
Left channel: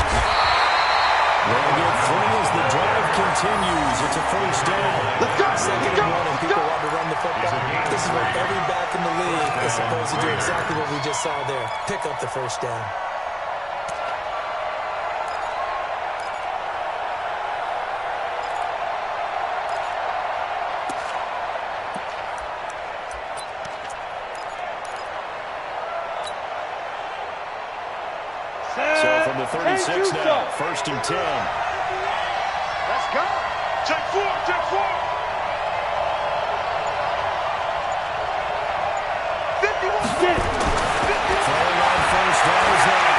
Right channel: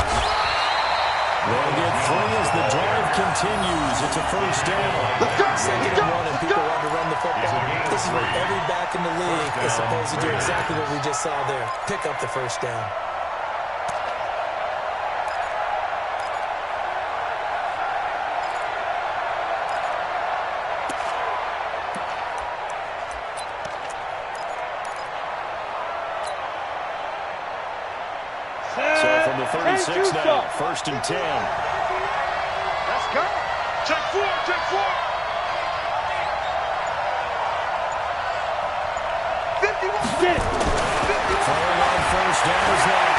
They'll get 3 as the drive continues. It's a first down. Let's go. 2nd and 1 and people want to run the football. This is where every back in the league is supposed to do exactly what we just saw there. Pick up the first down. So from the 36 now, 1st and 10. Let's go. Check 4. Check 4. 51. Get it. Throwing on first down is that.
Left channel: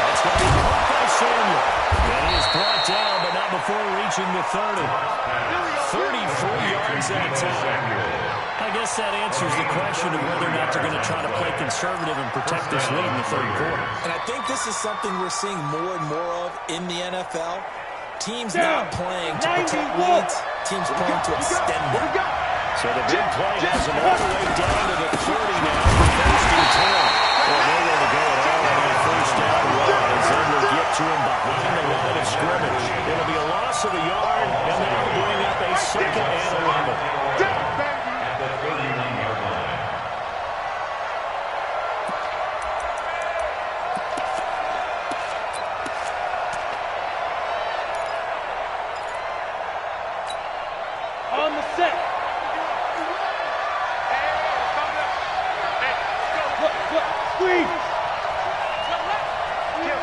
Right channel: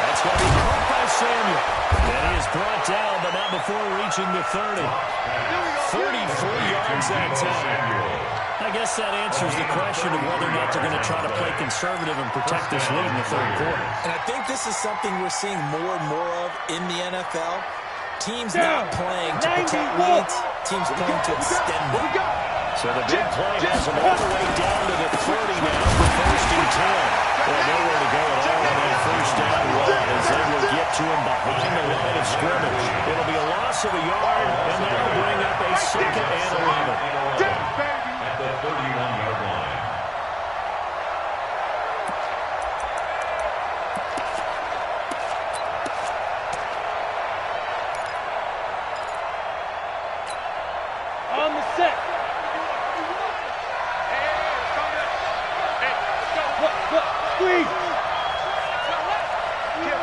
That's going to be caught by Samuel. And he is brought down, but not before reaching the 30. 33 yards that time. I guess that answers the question of whether or not they're going to try to play conservative and protect this lead in the third quarter. And I think this is something we're seeing more and more of in the NFL. Teams not playing to protect leads, teams playing to extend them. So the big play has them all the way down to the 30 now for 1st and 10. Well, nowhere to go at all on that first down run as they will get to him behind the line of scrimmage. It'll be a loss of a yard, and that'll bring up a 2nd and 11. At the 31-yard line. On the set. Look, squeeze. Kill.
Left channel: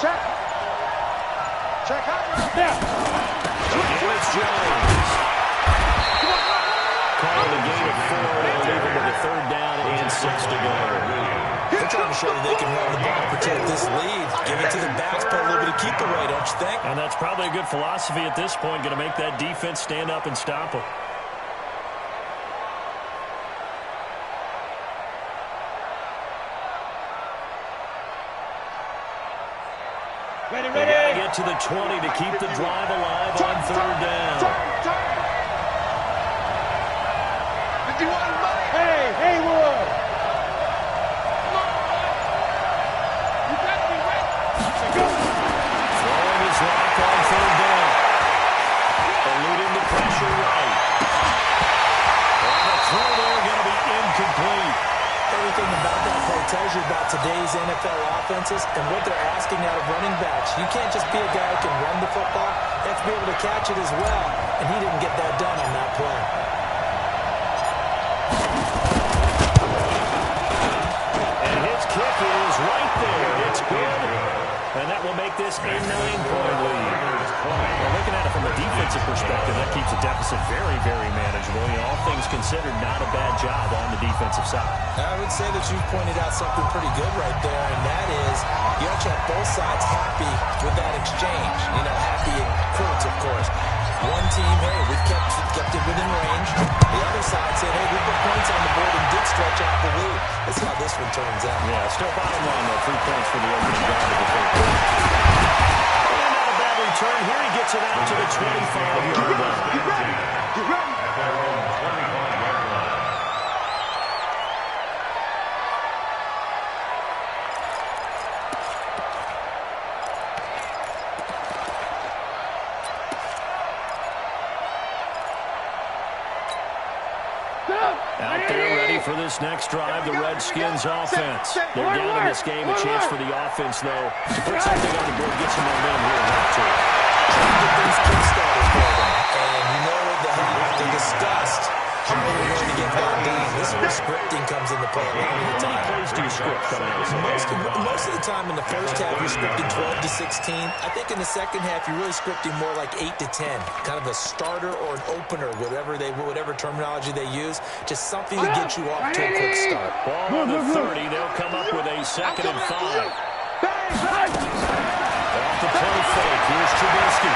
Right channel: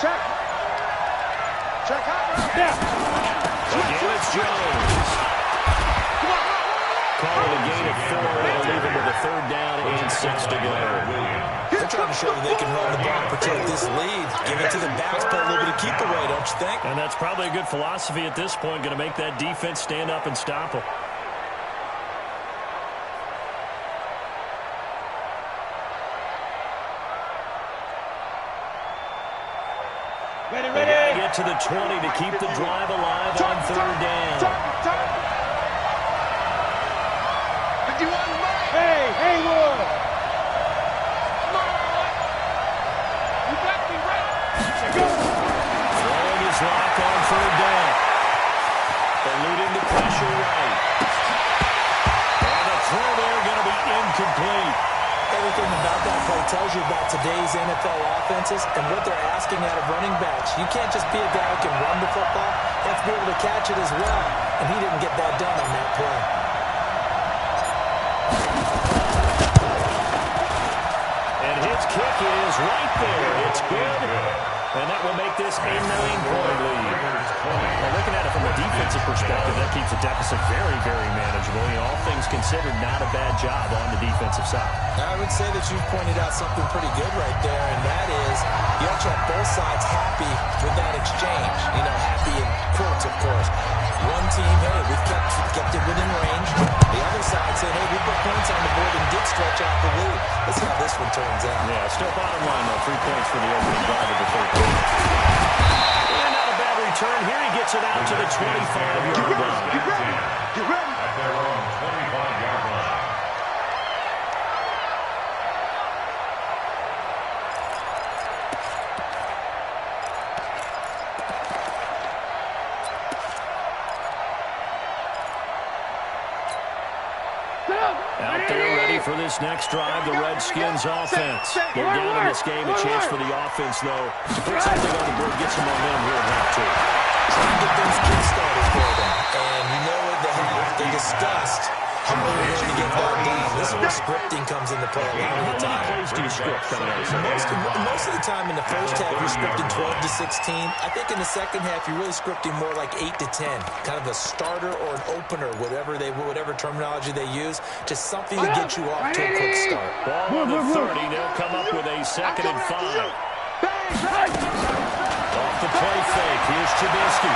Check. Check out. Now. Again, it's Jones. Calling a gain of 4, and they'll leave him with a 3rd down and 6 to go. They're trying to show that they can run the ball and protect this lead. Give it to the backs, play a little bit of keep away, don't you think? And that's probably a good philosophy at this point, going to make that defense stand up and stop them. Ready. They got to get to the 20 to keep the drive alive on 3rd down. Turn. 51 Mike. Hey, Haywood. Come on, boy. You better be ready. Throwing his lock on 3rd down. Eluding the pressure right. And the throw there going to be incomplete. Everything about that play tells you about today's NFL offenses and what they're asking out of running backs. You can't just be a guy who can run the football. You have to be able to catch it as well. And he didn't get that done on that play. And his kick is right there. It's good. And that will make this a 9-point lead. Well, looking at it from a defensive perspective, that keeps the deficit very, very manageable. You know, all things considered, not a bad job on the defensive side. I would say that you've pointed out something pretty good right there, and that is you actually have both sides happy with that exchange. You know, happy in quotes, of course. One team, hey, we've kept it within range. The other side said, hey, we put points on the board and did stretch out the lead. Let's see how this one turns out. Yeah, still bottom line, though. 3 points for the opening drive of the third quarter. And not a bad return. Here he gets it out to the 25-yard line. Get ready. At their own 25-yard line. Out there ready for this next drive, the Redskins offense. They're down in this game. A chance for the offense, though, to put something on the board, get some momentum here in half two. Trying to get those kick-starters for them. And you know at the half, they discussed how they were going to get that done. This is where scripting comes into play a lot of the time. How many plays do you script coming out of this? Most of the time in the first half, you're scripting 12 to 16. I think in the second half, you're really scripting more like 8 to 10. Kind of a starter or an opener, whatever terminology they use. Just something to get you off to a quick start. Ball on the 30. They'll come up with a 2nd and 5. Off the play fake. Here's Trubisky.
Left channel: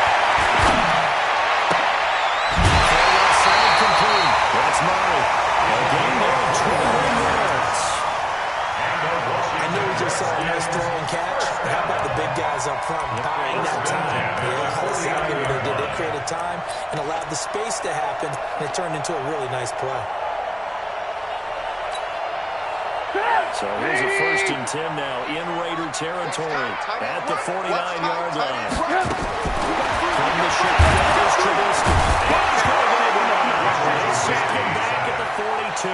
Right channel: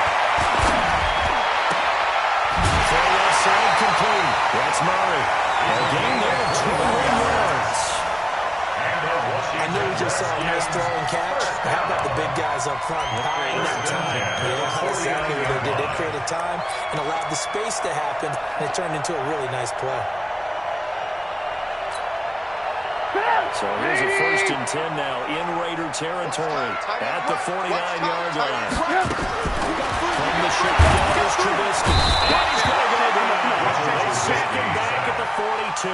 Side complete. That's Murray. A game there of 21 yards. I know we just saw a nice throw and catch. How about the big guys up front buying that time? Yeah, that's exactly what they did. They created time and allowed the space to happen, and it turned into a really nice play. So here's a 1st and 10 now in Raider territory at the 49-yard line. From the shotgun is Trubisky. And he's going to get it. They sack him back at the 42.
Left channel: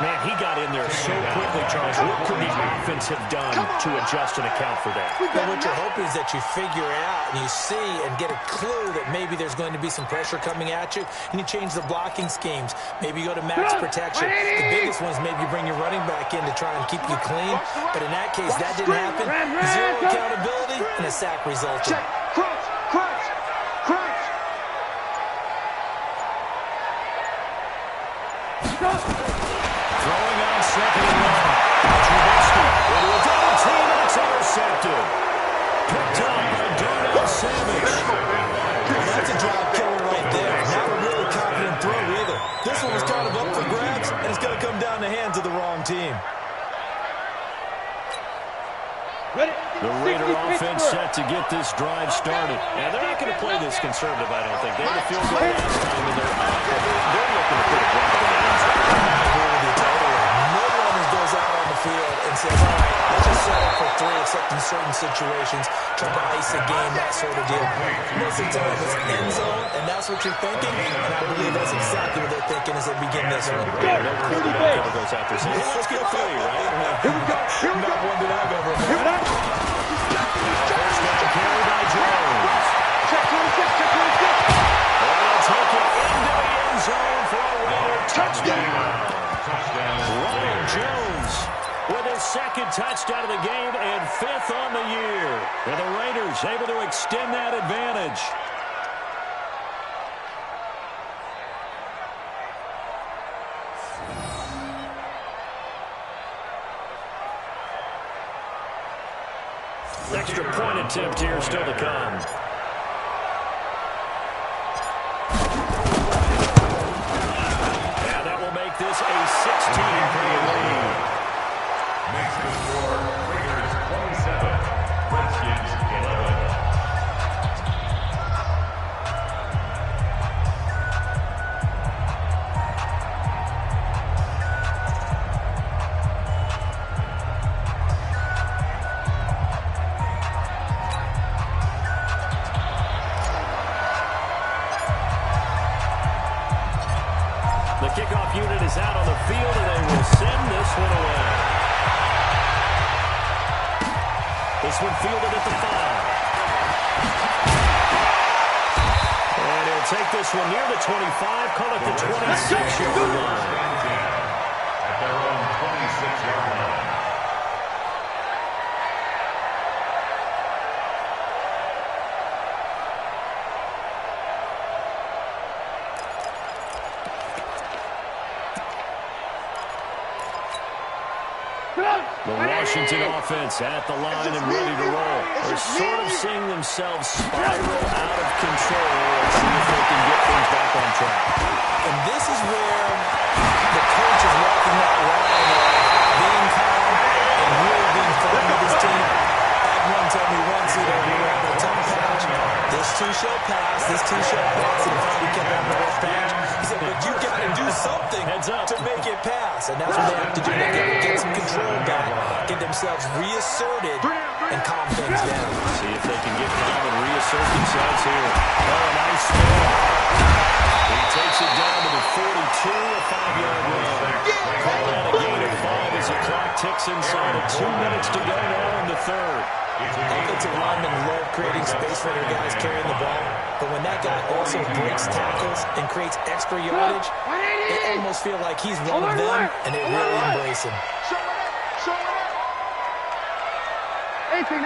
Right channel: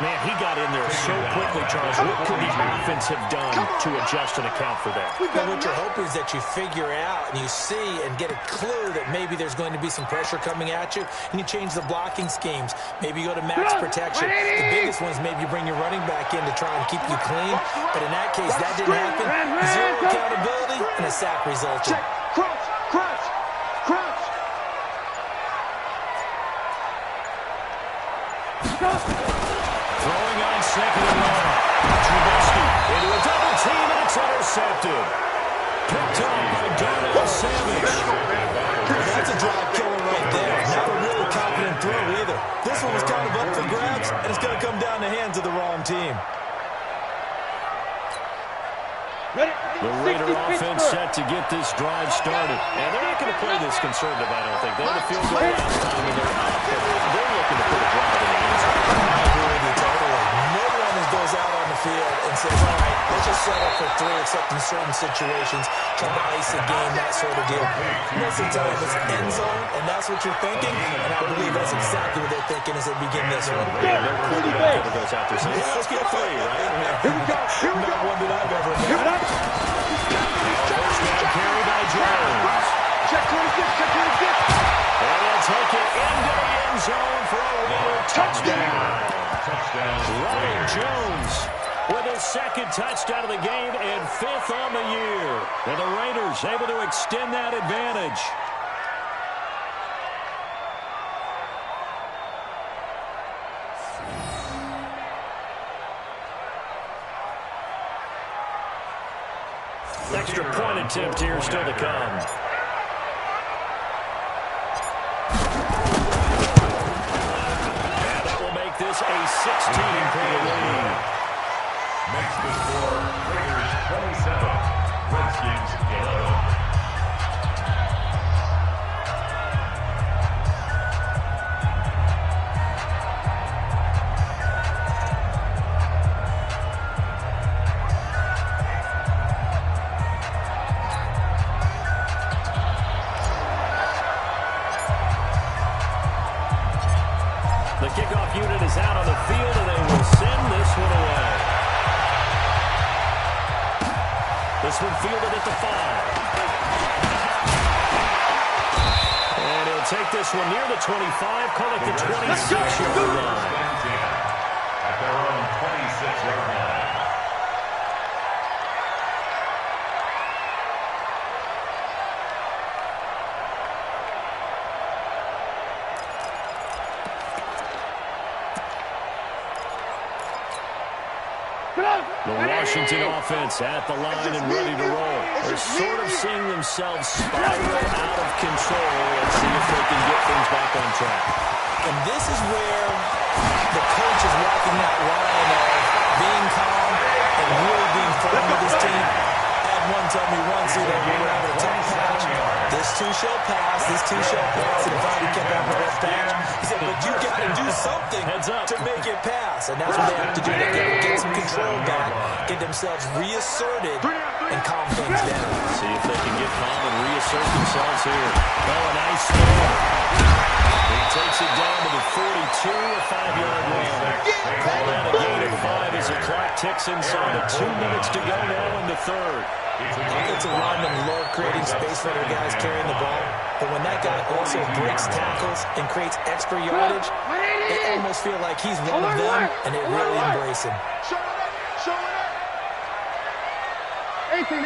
Man, he got in there so quickly, Charles. What could the offense have done to adjust and account for that? Well, what you're hoping is that you figure out and you see and get a clue that maybe there's going to be some pressure coming at you, and you change the blocking schemes. Maybe you go to max protection. The biggest one is maybe you bring your running back in to try and keep you clean. But in that case, that didn't happen. Zero accountability, and a sack resulted. Crunch, crunch, crunch. Throwing on 2nd and 1. Trubisky into a double team, and it's intercepted. Picked up by Darnell Savage. Well, that's a drive killer right there. Not a really confident throw either. This one was kind of up for grabs, and it's going to come down the hands of the wrong team. The Raider offense set to get this drive started. And they're not going to play this conservative, I don't think. They had a field goal last time, and they're up. They're looking to put a drive in the end zone. I agree with you totally. No one goes out on the field and says, all right, let's just settle for 3, except in certain situations, trying to ice a game, that sort of deal. Most of the time, it's end zone, and that's what you're thinking, and I believe that's exactly what they're thinking as they begin this one. No quarterback ever goes out there saying, hey, let's get 3, right? Here we go. Here we go. Not one that I've ever heard. First down carry by Jones. Check 26, check 26. And they'll take it into the end zone for a Raider touchdown. Ronald Jones with his 2nd touchdown of the game and 5th on the year. And the Raiders able to extend that advantage. Extra point attempt here still to come. And that will make this a 16-point lead. Makes the score Raiders 27, Redskins 11. The kickoff unit is out on the field, and they will send this one away. This one fielded at the 5. And he'll take this one near the 25, call it the 26-yard line. At their own 26-yard line. The Washington offense at the line and ready to roll. They're sort of seeing themselves spiral out of control. Let's see if they can get things back on track. And this is where the coach is walking that line of being calm and really being firm with his team. I had one tell me once, we're having a tough patch. This too shall pass. This too shall pass. And finally kept having a rough patch. He said, but you got to do something to make it pass. And that's what they have to do. They got to get some control back, get themselves reasserted, and calm things down. See if they can get calm and reassert themselves here. Oh, a nice throw. He takes it down to the 42, a 5-yard run. Call that a gain of 5 as the clock ticks inside of 2 minutes to go now in the third. Offensive linemen love creating space for their guys carrying the ball, but when that guy also breaks tackles and creates extra yardage, it almost feels like he's one of them, and they really embrace him. Show it up. Show it up. 18.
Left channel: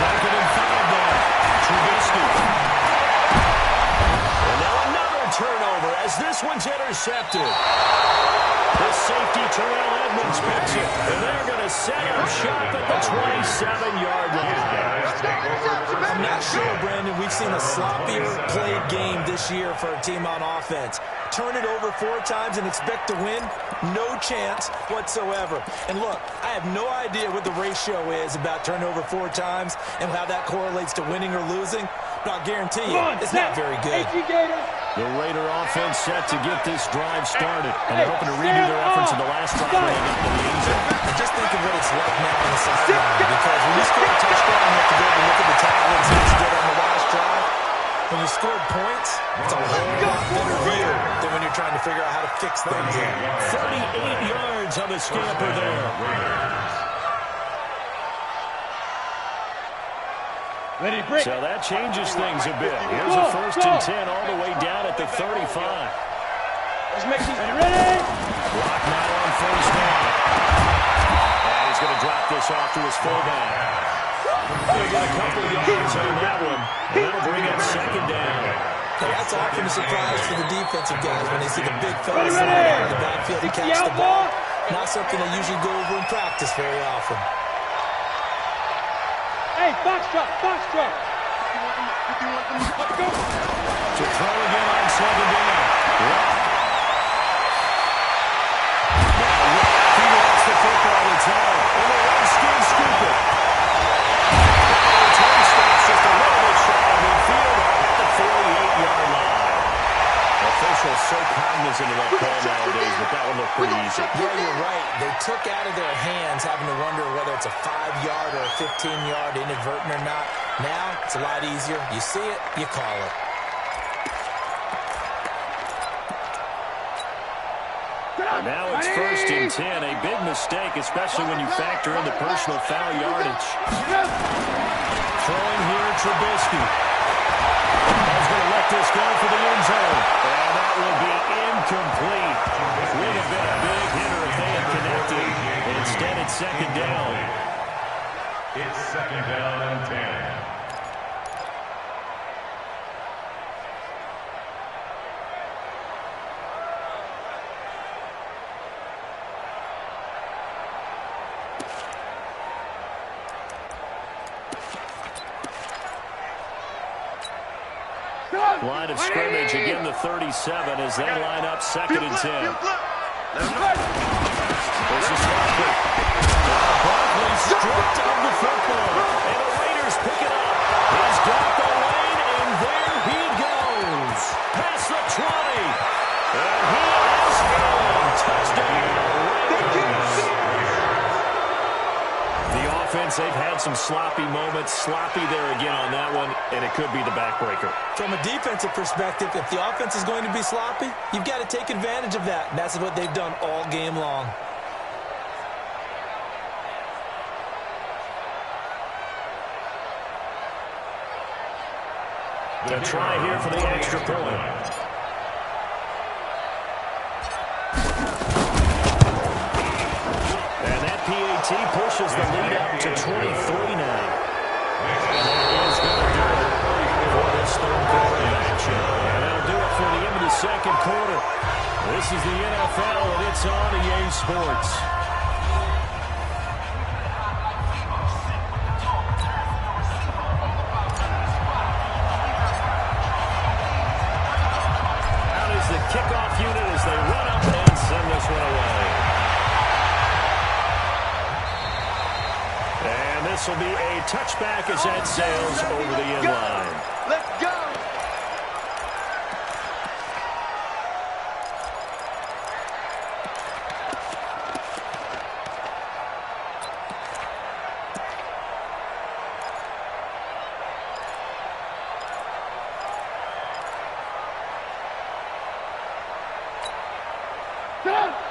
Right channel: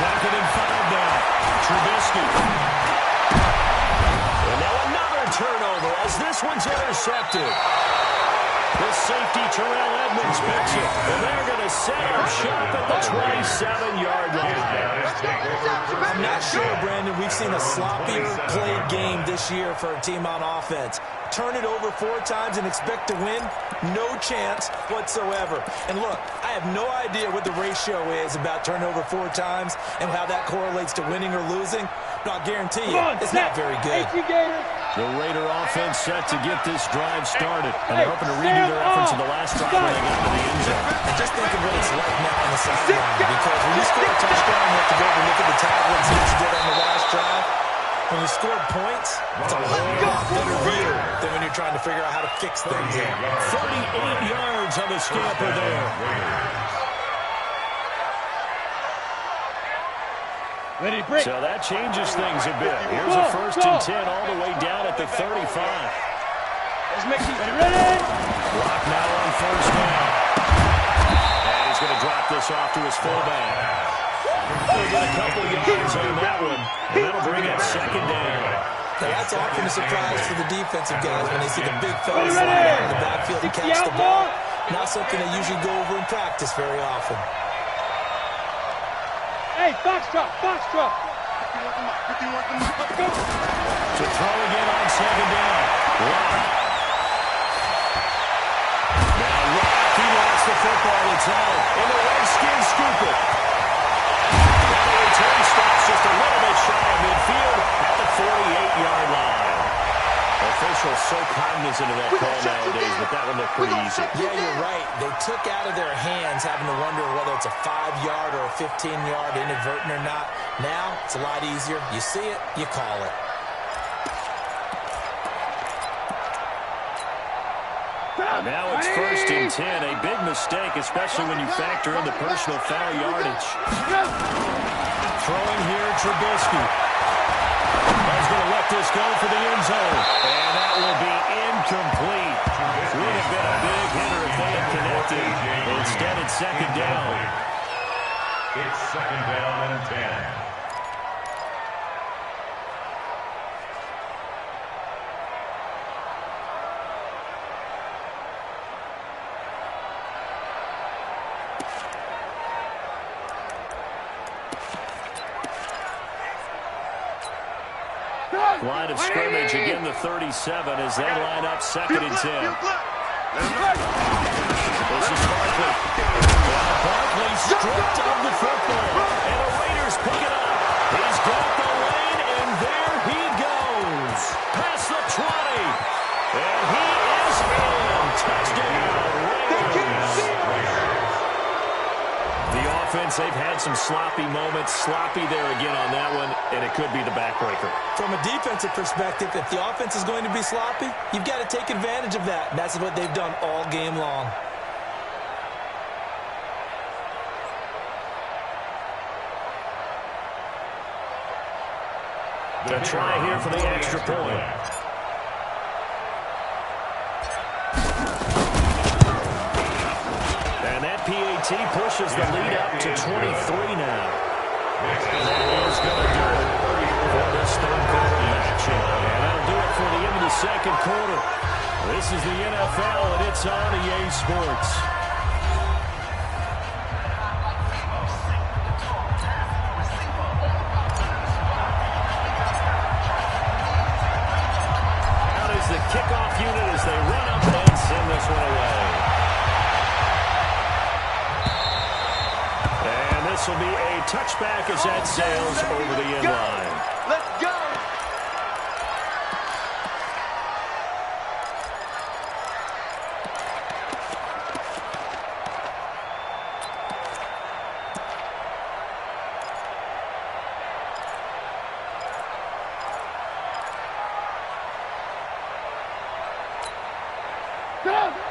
Second and 5 now. Trubisky. And now another turnover as this one's intercepted. The safety, Terrell Edmonds, picks it. And they're going to set up shop at the 27-yard line. I'm not sure, Brandon, we've seen a sloppier played game this year for a team on offense. Turn it over 4 times and expect to win? No chance whatsoever. And look, I have no idea what the ratio is about turnover 4 times and how that correlates to winning or losing. But I'll guarantee you, it's not very good. The Raider offense set to get this drive started. And they're hoping to redo their efforts in the last drive when they got to the end zone. And just think of what it's like now on the sideline. Because when you score a touchdown, you have to go over and look at the tablet and see what you did on the last drive. When you scored points, it's a whole lot better view than when you're trying to figure out how to fix things. 38 yards on the scamper there. Ready to break. So that changes things a bit. Here's a 1st and 10 all the way down at the 35. Let's make these ready. Block now on 1st down. And he's going to drop this off to his fullback. They'll get a couple yards on that one, and that'll bring up 2nd down. Now that's often a surprise for the defensive guys when they see the big fella slide out of the backfield to catch the ball. Not something they usually go over in practice very often. Hey, box drop. 51 to Let's go. To throw again on 2nd down. Lock. Now Lock, he lost the football. It's out. And the Redskins scoop it. Return stops just a little bit shy of midfield at the 48-yard line. Officials so cognizant of that call nowadays, but that one looked pretty easy. Yeah, you're right. They took out of their hands having to wonder whether it's a 5-yard or a 15-yard inadvertent or not. Now, it's a lot easier. You see it, you call it. And now it's 1st and 10. A big mistake, especially when you factor in the personal foul yardage. Throwing here, Trubisky. He's going to let this go for the end zone. And that will be incomplete. Would have been a big hitter if they had connected. Instead, it's 2nd down. It's 2nd down and 10. Line of scrimmage, again the 37 as they line up 2nd and 10. This is Barkley. Barkley stripped of the football. And the Raiders pick it up. He's got the lane, and there he goes. Past the 20. And he is in. Touchdown, Raiders. The offense, they've had some sloppy moments. Sloppy there again on that one, and it could be the backbreaker. From a defensive perspective, if the offense is going to be sloppy, you've got to take advantage of that. And that's what they've done all game long. To try here for the extra point. And that PAT pushes the lead up to 23 now. And that is going to do it for this 3rd quarter of action. And that'll do it for the end of the 2nd quarter. This is the NFL, and it's on EA Sports. Out is the kickoff unit as they run up and send this one away. And this will be a touchback as that sails over the end line. Let's go.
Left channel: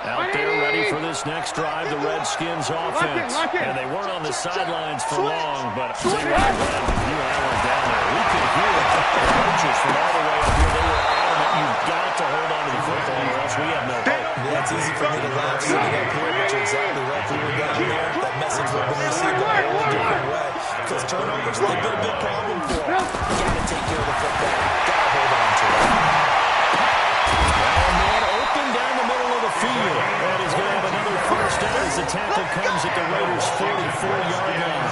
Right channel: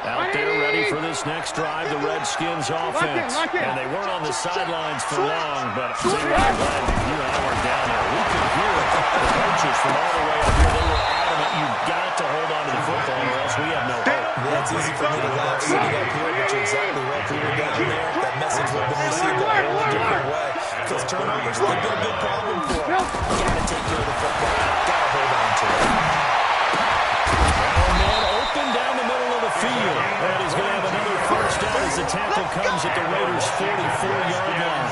Out there ready for this next drive, the Redskins offense. And they weren't on the sidelines for long, but I'm glad that you and I weren't down there. We could hear the coaches from all the way up here. They were adamant, you've got to hold on to the football or else we have no hope. Yeah, it's easy for me to laugh sitting up here, but you're exactly right. If we were down there, that message would have been received a whole different way. Because turnovers, they've been a big problem for them. You got to take care of the football. Got to hold on to it. Down the middle of the field. And he's going to have another first down as the tackle comes at the Raiders' 44-yard line.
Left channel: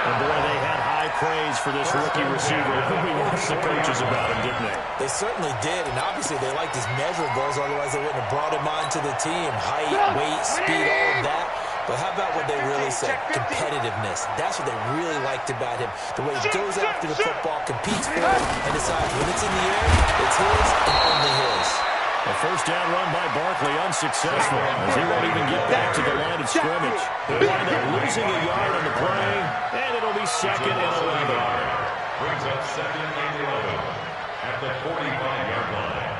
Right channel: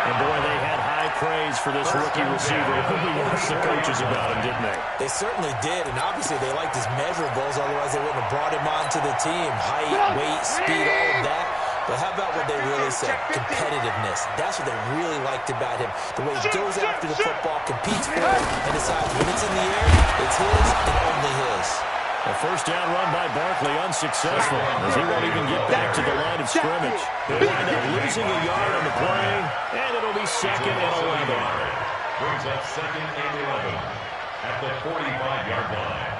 And, boy, they had high praise for this rookie receiver. We asked the coaches about him, didn't they? They certainly did, and obviously they liked his measurables. Otherwise, they wouldn't have brought him onto the team. Height, weight, speed, all of that. But how about what they really said? Competitiveness. That's what they really liked about him. The way he goes after the football, competes for it, and decides when it's in the air, it's his and only his. A first down run by Barkley, unsuccessful, as he won't even get back to the line of scrimmage. He'll wind up losing a yard on the play, and it'll be 2nd and 11. Brings up 2nd and 11 at the 45-yard line.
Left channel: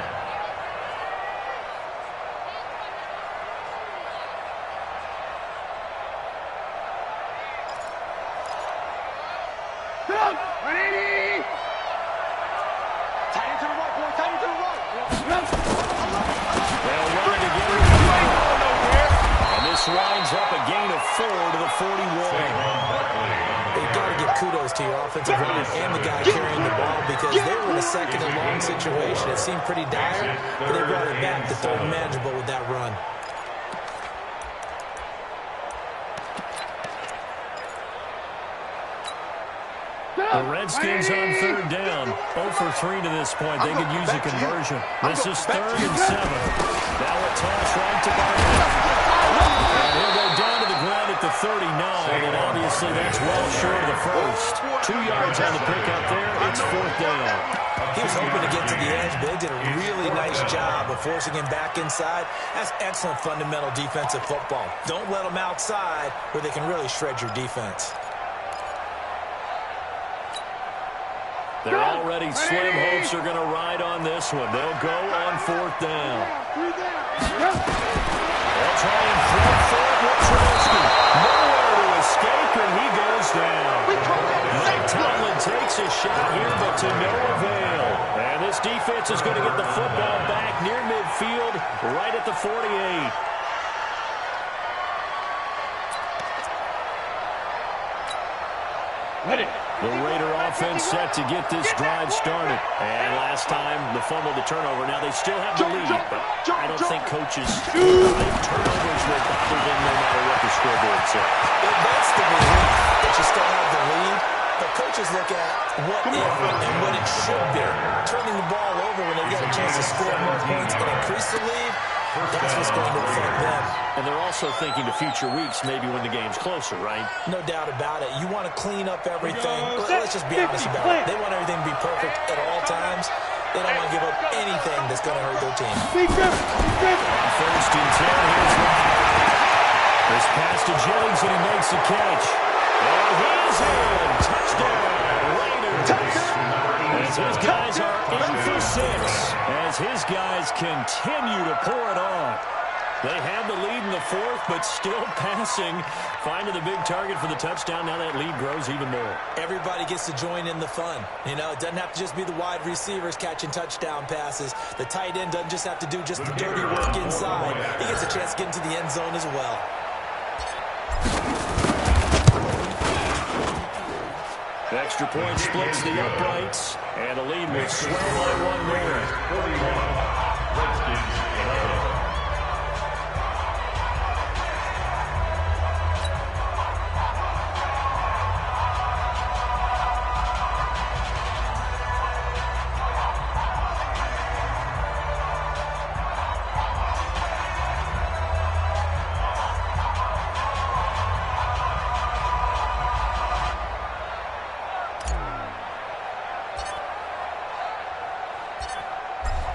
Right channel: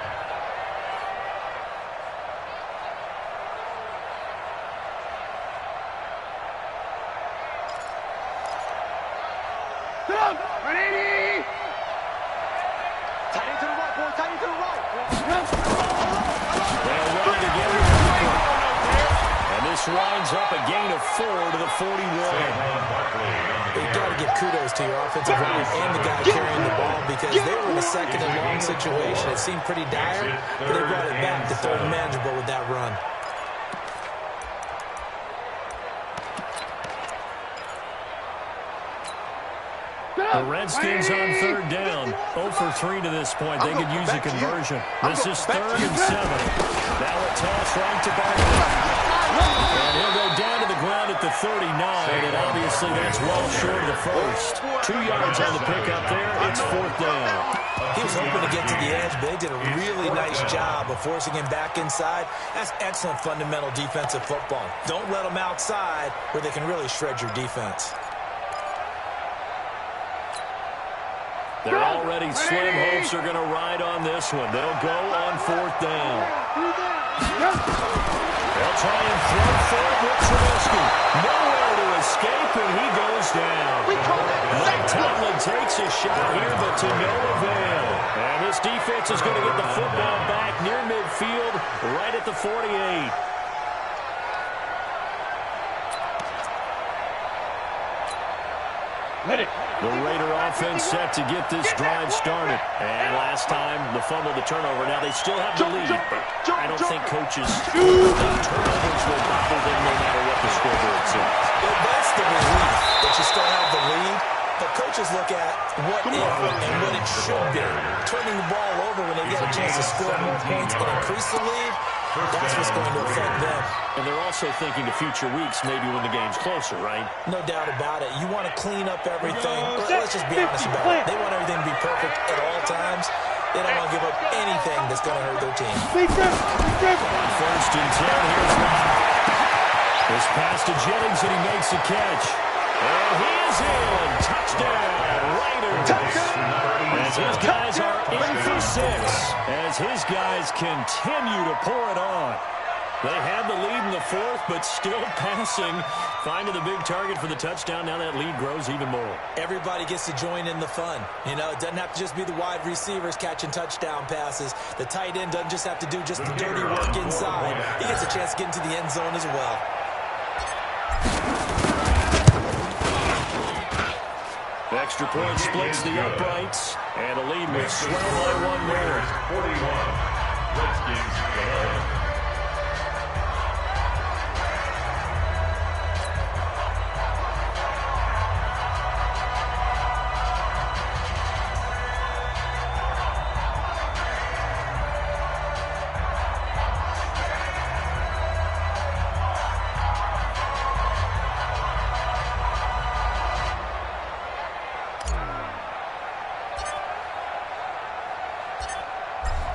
Down, 180. Tight end to the right, boy. Tight end to the right. They'll run it again. And this winds up a gain of 4 to the 41. You've got to give kudos to your offensive line and the guy carrying the ball because they were in a 2nd and long situation. It seemed pretty dire, but they brought it back to 3rd and manageable with that run. The Redskins on 3rd down. 0 for 3 to this point. They could use a conversion. This is 3rd and 7. Now a toss right to Barkley. And he'll go down to the ground at the 39, and obviously that's well short of the first. 2 yards on the pickup there. It's 4th down. He was hoping to get to the edge, but they did a really nice job of forcing him back inside. That's excellent fundamental defensive football. Don't let them outside where they can really shred your defense. They're already slim hopes are going to ride on this one. They'll go on 4th down. They'll try and throw forward with Trubisky. Nowhere to escape, and he goes down. Mike Tomlin takes a shot here, but to no avail. And this defense is going to get the football back near midfield, right at the 48. Ready. The Raider offense set to get this drive started. And last time, the fumble, the turnover. Now they still have the lead, but I don't think coaches think turnovers will bother them no matter what the scoreboard says. That's the relief that you still have the lead. But coaches look at what if and what it should be. Turning the ball over when they get a chance to score more points and increase the lead, that's what's going to affect them. And they're also thinking to future weeks, maybe when the game's closer, right? No doubt about it. You want to clean up everything. Let's just be honest about it. They want everything to be perfect at all times. They don't want to give up anything that's going to hurt their team. On 1st and 10, here's Locke. This pass to Jennings, and he makes the catch. And he is in. Touchdown, Raiders. As his guys are in for 6. As his guys continue to pour it on. They had the lead in the 4th, but still passing. Finding the big target for the touchdown. Now that lead grows even more. Everybody gets to join in the fun. You know, it doesn't have to just be the wide receivers catching touchdown passes. The tight end doesn't just have to do just the dirty work inside. He gets a chance to get into the end zone as well. The extra point splits the uprights, and the lead will swell by 1 there. 41, Redskins 11.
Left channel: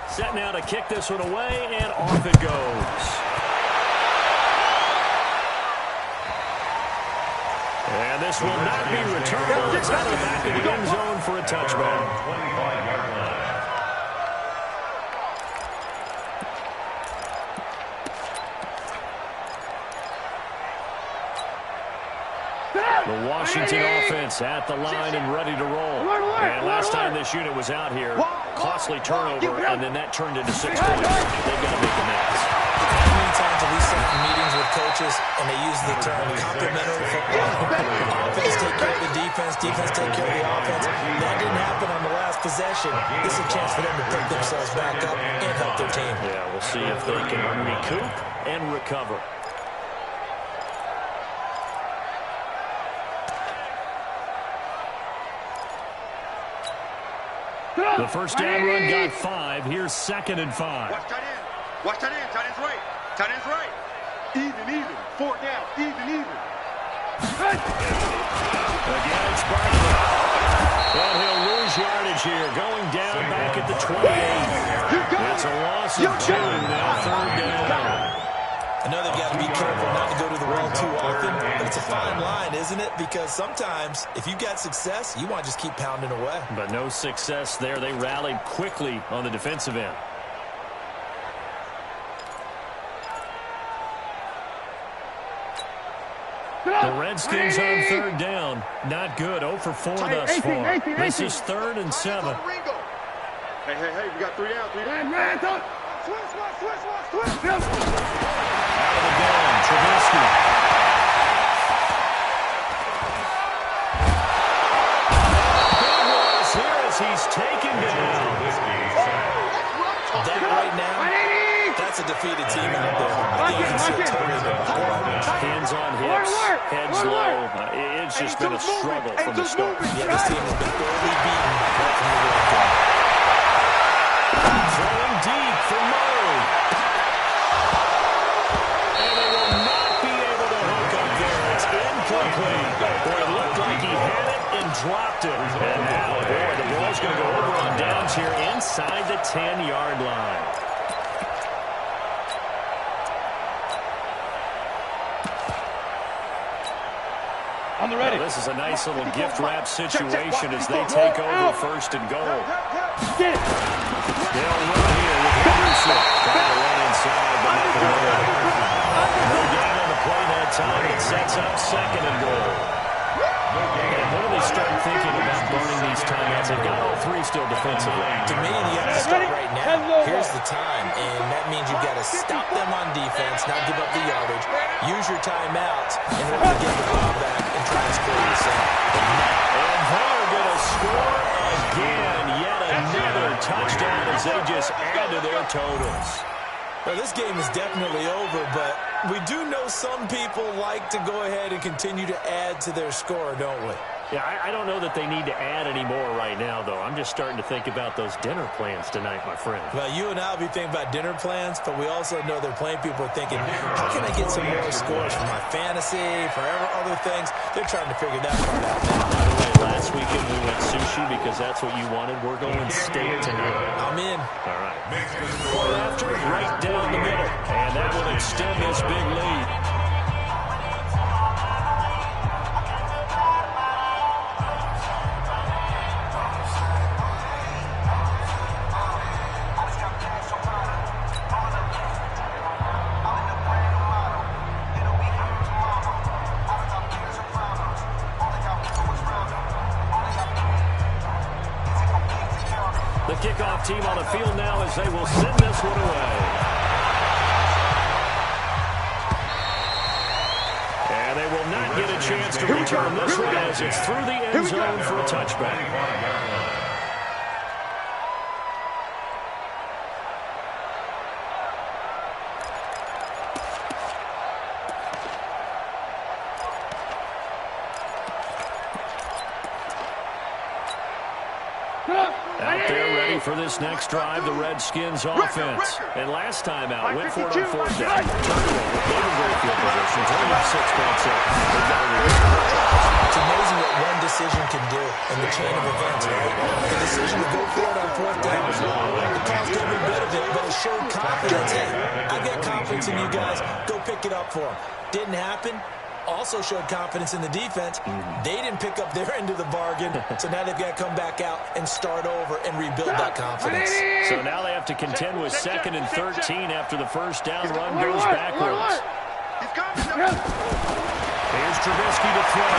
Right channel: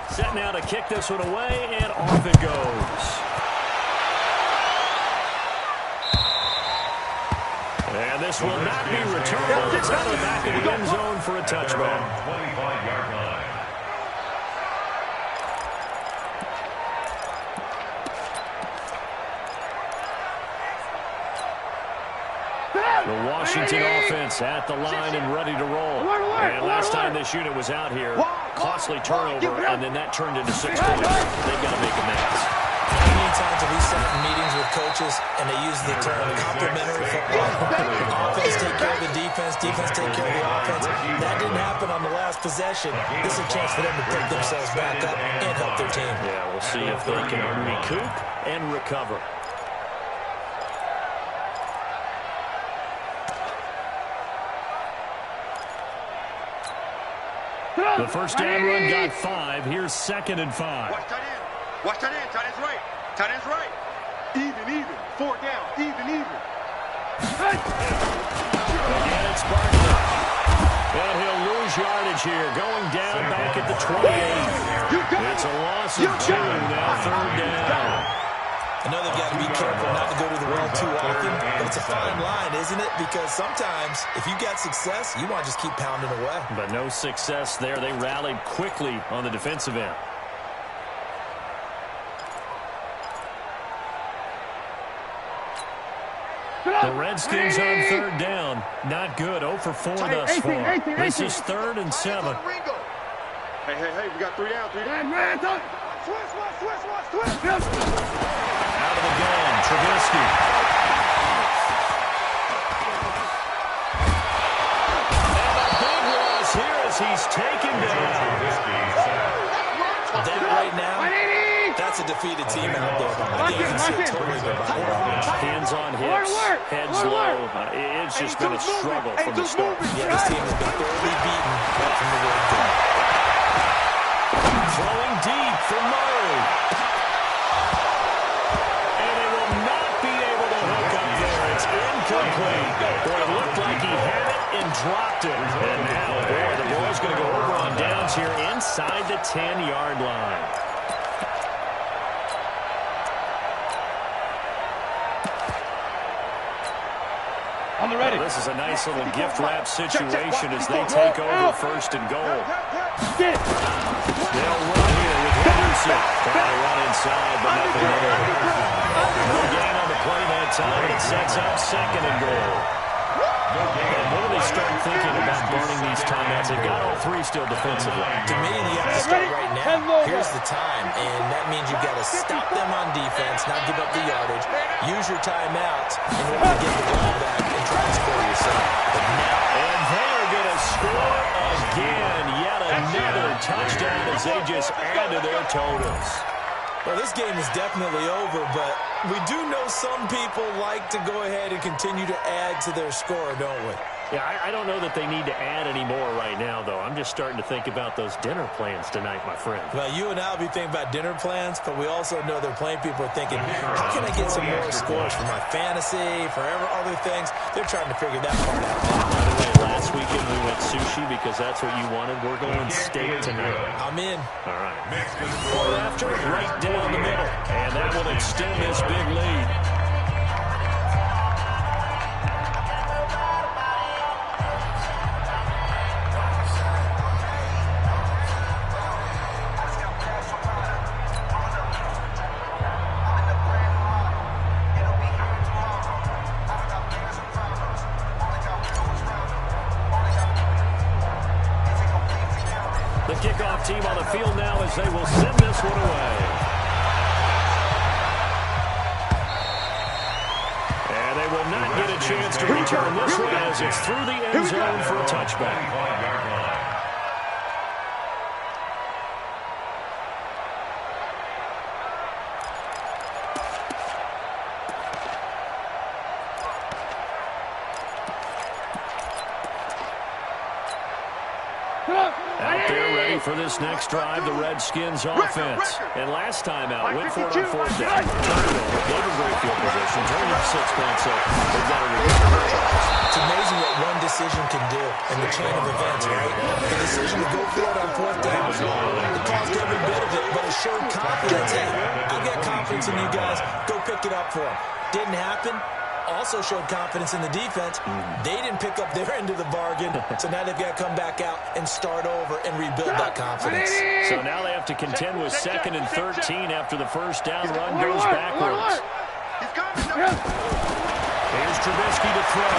Set now to kick this one away, and off it goes. And this will not be returned. It's out of the back of the end zone for a touchback. 25-yard line. Washington offense at the line and ready to roll. And last time this unit was out here, costly turnover, and then that turned into 6 points. They've got to make amends. How many times have we sat in meetings with coaches and they use the term complementary football? Offense take care of the defense, defense take care of the offense. That didn't happen on the last possession. This is a chance for them to pick themselves back up and help their team. Yeah, we'll see if they can recoup and recover. The first down run got 5. Here's 2nd and 5. Watch tight end. Watch tight end. Tight end's right. Tight end's right. Even. 4 down. Even. Again, it's Barkley. And he'll lose yardage here. Going down back at the 28. It's a loss of 2. Now 3rd down. I know they've got to be careful not to go to the well too often, but it's a fine line, isn't it? Because sometimes, if you got success, you want to just keep pounding away. But no success there. They rallied quickly on the defensive end. The Redskins on 3rd down. Not good. 0 for 4 thus far. This is 3rd and 7. Hey, we got 3 down. 3 down. Switch. Out of the gun, Trubisky. And a big loss here as he's taken down. That right now, that's a defeated team out there. I think you can see it totally behind. Hands on hips, heads low. It's just been a struggle from the start. Yeah, this team has been thoroughly beaten right from the word go. Throwing deep for Murray. And they will not be able to hook up there. It's incomplete. Boy, it looked like he had it and dropped it. And now, boy, the ball's going to go over on downs here inside the 10-yard line. On the ready. Well, this is a nice little gift wrap situation as they take over 1st and goal. Get it. They'll run here with Henderson. Trying to run inside, but nothing there. No gain on the play that time, and it sets up 2nd and goal. And when do they start thinking about burning these timeouts? They've got all 3 still defensively. To me, you have to start right now. Here's the time, and that means you've got to stop them on defense, not give up the yardage, use your timeouts in order to get the ball back and try to score yourself. But now, and they are going to score again. Yet another touchdown as they just add to their totals. well, this game is definitely over, but we do know some people like to go ahead and continue to add to their score, don't we? Yeah, I don't know that they need to add any more right now, though. I'm just starting to think about those dinner plans tonight, my friend. Well, you and I will be thinking about dinner plans, but we also know there are plenty of people are thinking, how can I get some more scores for my fantasy, for other things? They're trying to figure that part out now. By the way, last weekend we went sushi because that's what you wanted. We're going steak tonight. I'm in. All right. Point after, right down the middle. And that will extend this big lead. The kickoff team on the field now as they will send this one away. And they will not get a chance to return this one as it's through the end zone for a touchback. Out there ready for this next drive, the Redskins offense. And last time out, went for it on 4th down. Turned it over, gave them great field position, turned up 6 points up. They've got to return. It's amazing what one decision can do in the chain of events, right? The decision to go for it on 4th down, it caused every bit of it, but it showed confidence. Hey, I've got confidence in you guys. Go pick it up for them. Didn't happen. Also showed confidence in the defense. They didn't pick up their end of the bargain, so now they've got to come back out and start over and rebuild that confidence. So now they have to contend with 2nd and 13 after the first down run goes backwards. He's coming. Here's Trubisky to throw.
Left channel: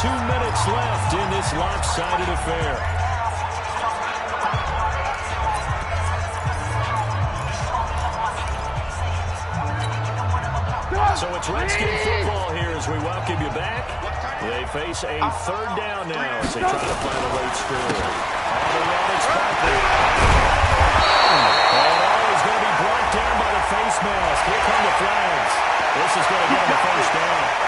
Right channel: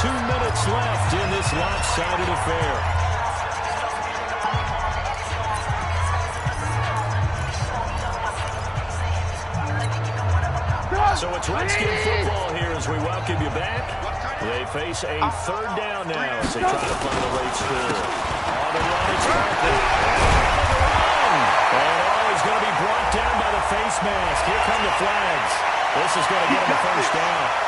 2 minutes left in this lopsided affair. So it's Redskin football here as we welcome you back. They face a third down now as they try to find a late score. On the run, it's Barkley. And he's going to be brought down by the face mask. Here come the flags. This is going to get him a first down.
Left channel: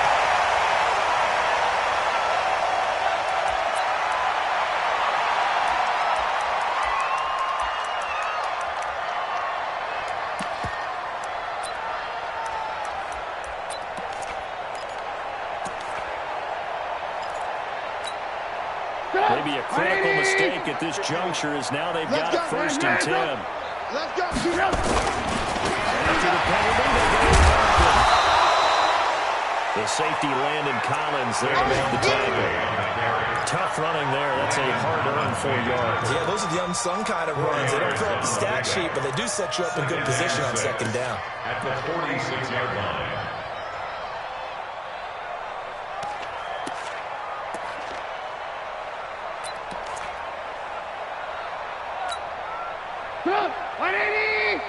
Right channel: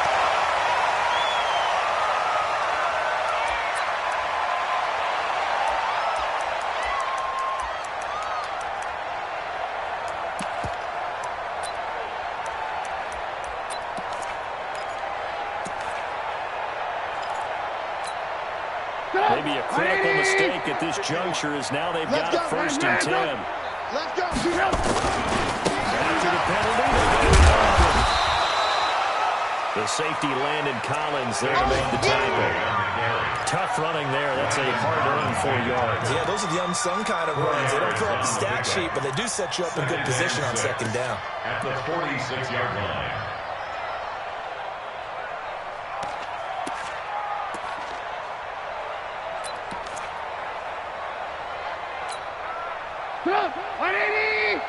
Maybe a critical mistake at this juncture is now they've got a first and 10. Let's go. After the penalty, they go to Barkley. The safety Landon Collins there to make the tackle. Tough running there. That's a hard-earned 4 yards. Yeah, those are the unsung kind of runs. They don't fill up the stat sheet, but they do set you up in good position on second down. At the 46-yard line. Come on, 180! We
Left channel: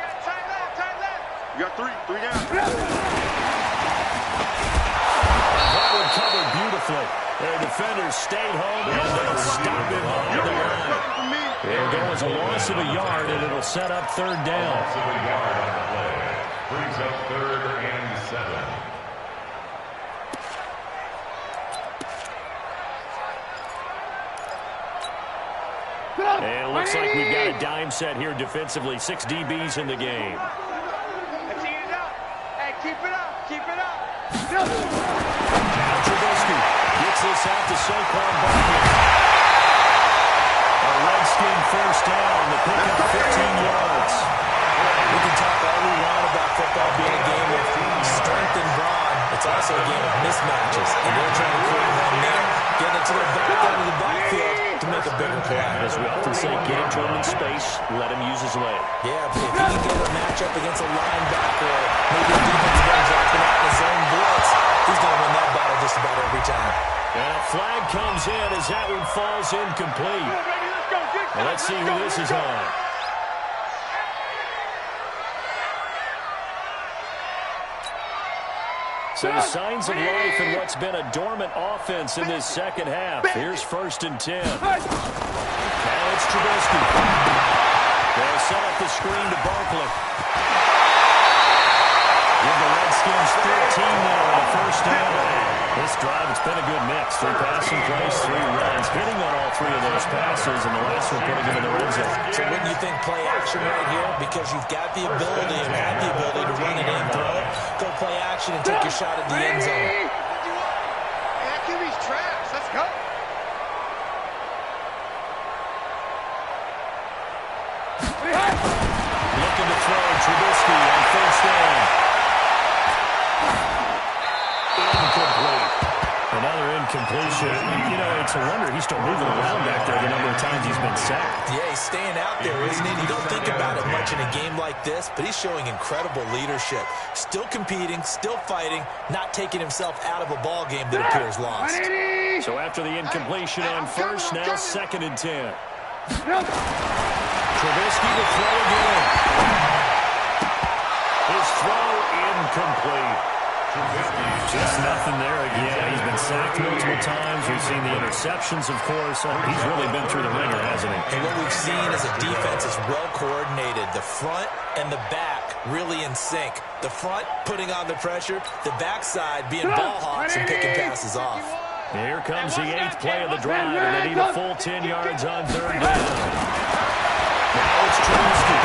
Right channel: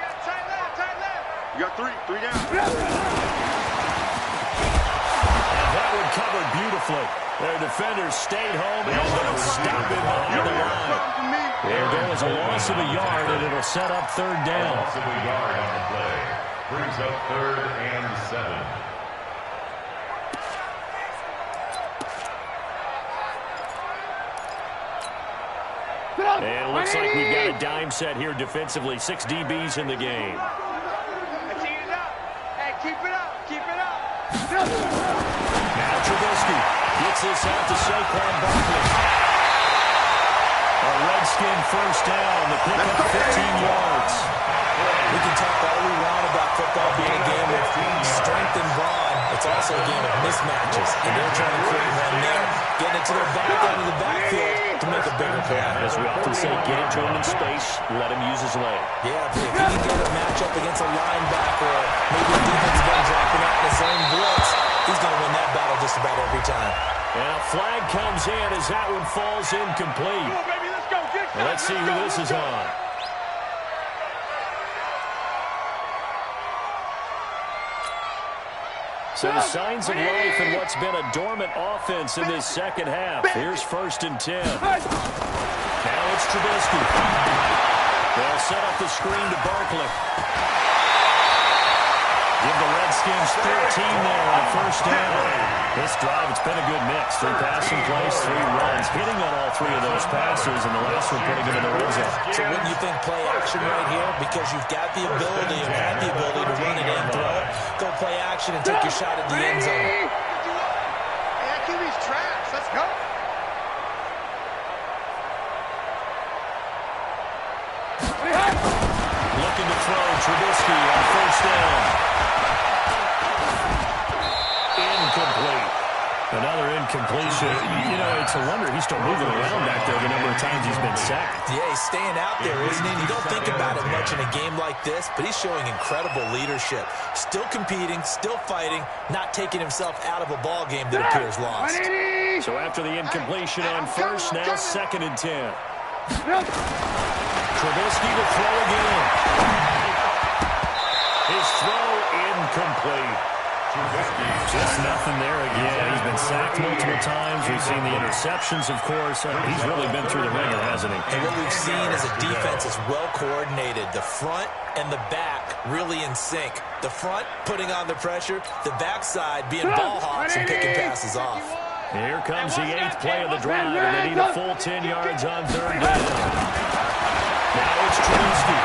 got tight left. You got three down. That one covered beautifully. Their defenders stayed home, and they'll stop him behind the line. It'll go as a loss of a yard, and it'll set up third down. A loss of a yard on the play. Brings up 3rd and 7. And it looks like we've got a dime set here defensively. 6 DBs in the game. Let's eat it up. Hey, keep it up. Now Trubisky gets this out to Saquon Barkley. A Redskin first down. The pickup 15 yards. We can talk all we want about football being a game of strength and brawn. It's also a game of mismatches, and they're trying to create one there, getting it to their back end of the backfield to make a bigger play. As we often say, get it to him in space, let him use his leg. Yeah, if he can get a matchup against a linebacker or maybe a defensive end dropping out in his own blitz, he's going to win that battle just about every time. And a flag comes in as that one falls incomplete. Come on, baby, let's go. Well, let's see who this is on. Some signs of life in what's been a dormant offense in this second half. Here's 1st and 10. Now it's Trubisky. They'll set up the screen to Barkley. Give the Redskins 13 there on a first down. This drive, it's been a good mix. 3 passing plays, 3 runs. Hitting on all 3 of those passes, and the last one putting him in the red zone. So wouldn't you think play action right here? Because you've got the ability and had the ability to run it in, throw it, go play action and take your shot at the end zone. Hey, that QB's trash. Let's go. Looking to throw Trubisky on first down. Incomplete. Another incompletion. You know, it's a wonder he's still moving around back there the number of times he's been sacked. Yeah, he's staying out there, isn't he? You don't think about it much in a game like this, but he's showing incredible leadership. Still competing, still fighting, not taking himself out of a ball game that appears lost. So after the incompletion on first, now 2nd and 10. Trubisky to throw again. His throw incomplete. Just nothing there again. He's been sacked multiple times. We've seen the interceptions, of course. He's really been through the ringer, hasn't he? And what we've seen is a defense is well coordinated. The front and the back really in sync. The front putting on the pressure. The backside being ball hawks and picking passes off. Here comes the 8th play of the drive, and they need a full 10 yards on third down. Now it's Trubisky.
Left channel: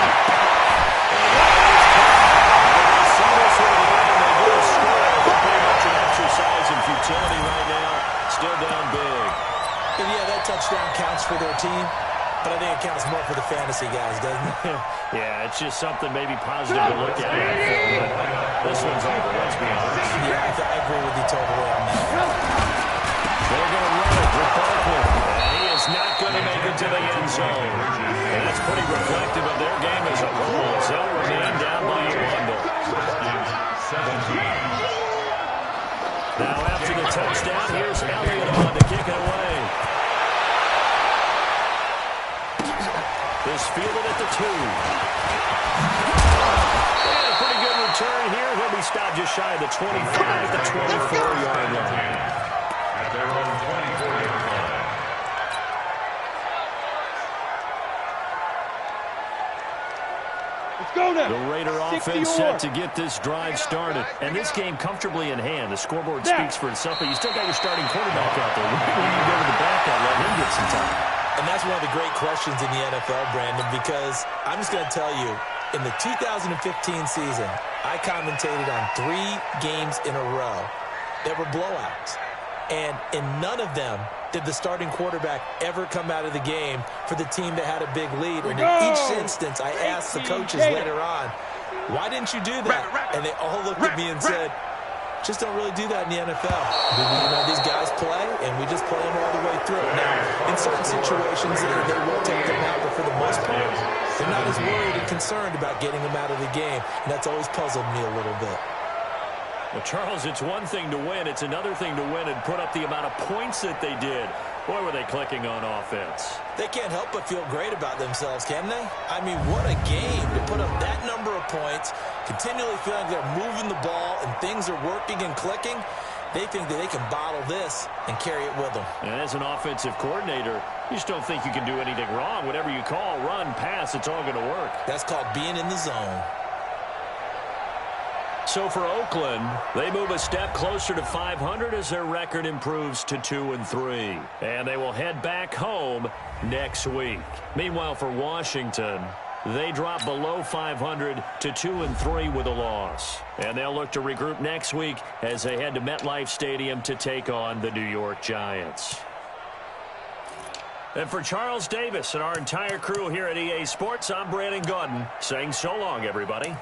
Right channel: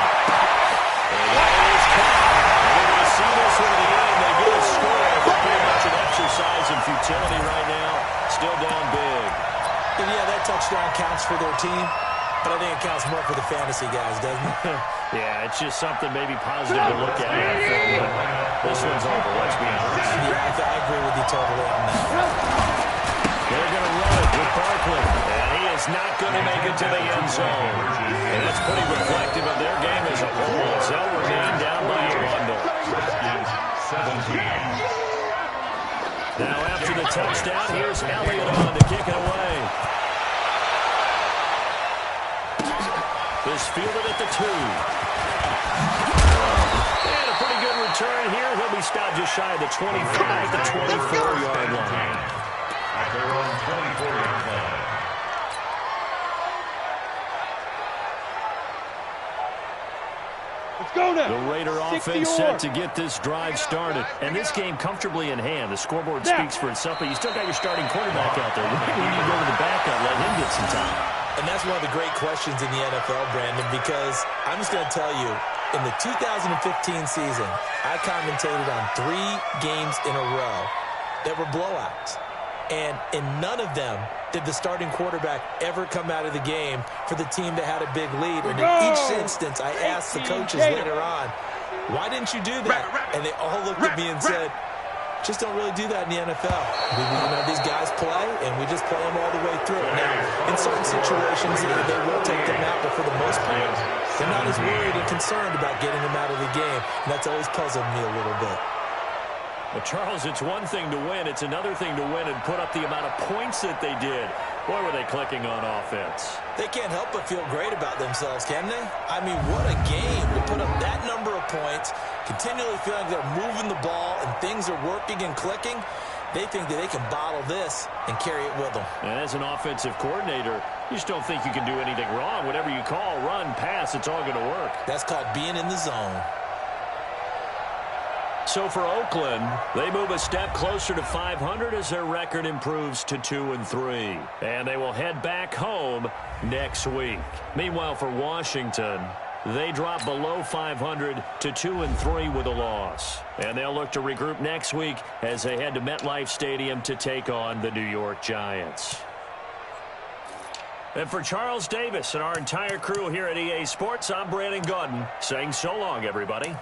And that is caught. And they see this one at the end. They get a score. But pretty much an exercise in futility right now. Still down big. And yeah, that touchdown counts for their team. But I think it counts more for the fantasy guys, doesn't it? Yeah, it's just something maybe positive to look at on film. But this one's over, let's be honest. Yeah, I agree with you totally on that. They're going to run it with Barkley. And he is not going to make it to the end zone. And that's pretty reflective of their game as a whole, as they'll remain down by a bundle. Redskins 17. Now after the touchdown. Here's Elliott on to kick it away. This fielded at the 2. And a pretty good return here. He'll be stopped just shy of the 25 at the 24-yard line. At their own 24-yard line. Let's go now. The Raider offense set to get this drive started. And this game comfortably in hand. The scoreboard speaks for itself, but you still got your starting quarterback out there. When you go to the backup, let him get some time. And that's one of the great questions in the NFL, Brandon, because I'm just going to tell you, in the 2015 season, I commentated on 3 games in a row that were blowouts. And in none of them did the starting quarterback ever come out of the game for the team that had a big lead. And in each instance, I asked the coaches later on, why didn't you do that? And they all looked at me and said, just don't really do that in the NFL. You know, these guys play, and we just play them all the way through. Now, in certain situations, they will take them out, but for the most part, they're not as worried and concerned about getting them out of the game, and that's always puzzled me a little bit. Well, Charles, it's one thing to win. It's another thing to win and put up the amount of points that they did. Boy, were they clicking on offense. They can't help but feel great about themselves, can they? I mean, what a game to put up that number of points, continually feeling like they're moving the ball and things are working and clicking. They think that they can bottle this and carry it with them. And as an offensive coordinator, you just don't think you can do anything wrong. Whatever you call, run, pass, it's all going to work. That's called being in the zone. So for Oakland, they move a step closer to 500 as their record improves to 2-3. And they will head back home next week. Meanwhile, for Washington, they drop below 500 to 2-3 with a loss. And they'll look to regroup next week as they head to MetLife Stadium to take on the New York Giants. And for Charles Davis and our entire crew here at EA Sports, I'm Brandon Gaudin saying so long, everybody.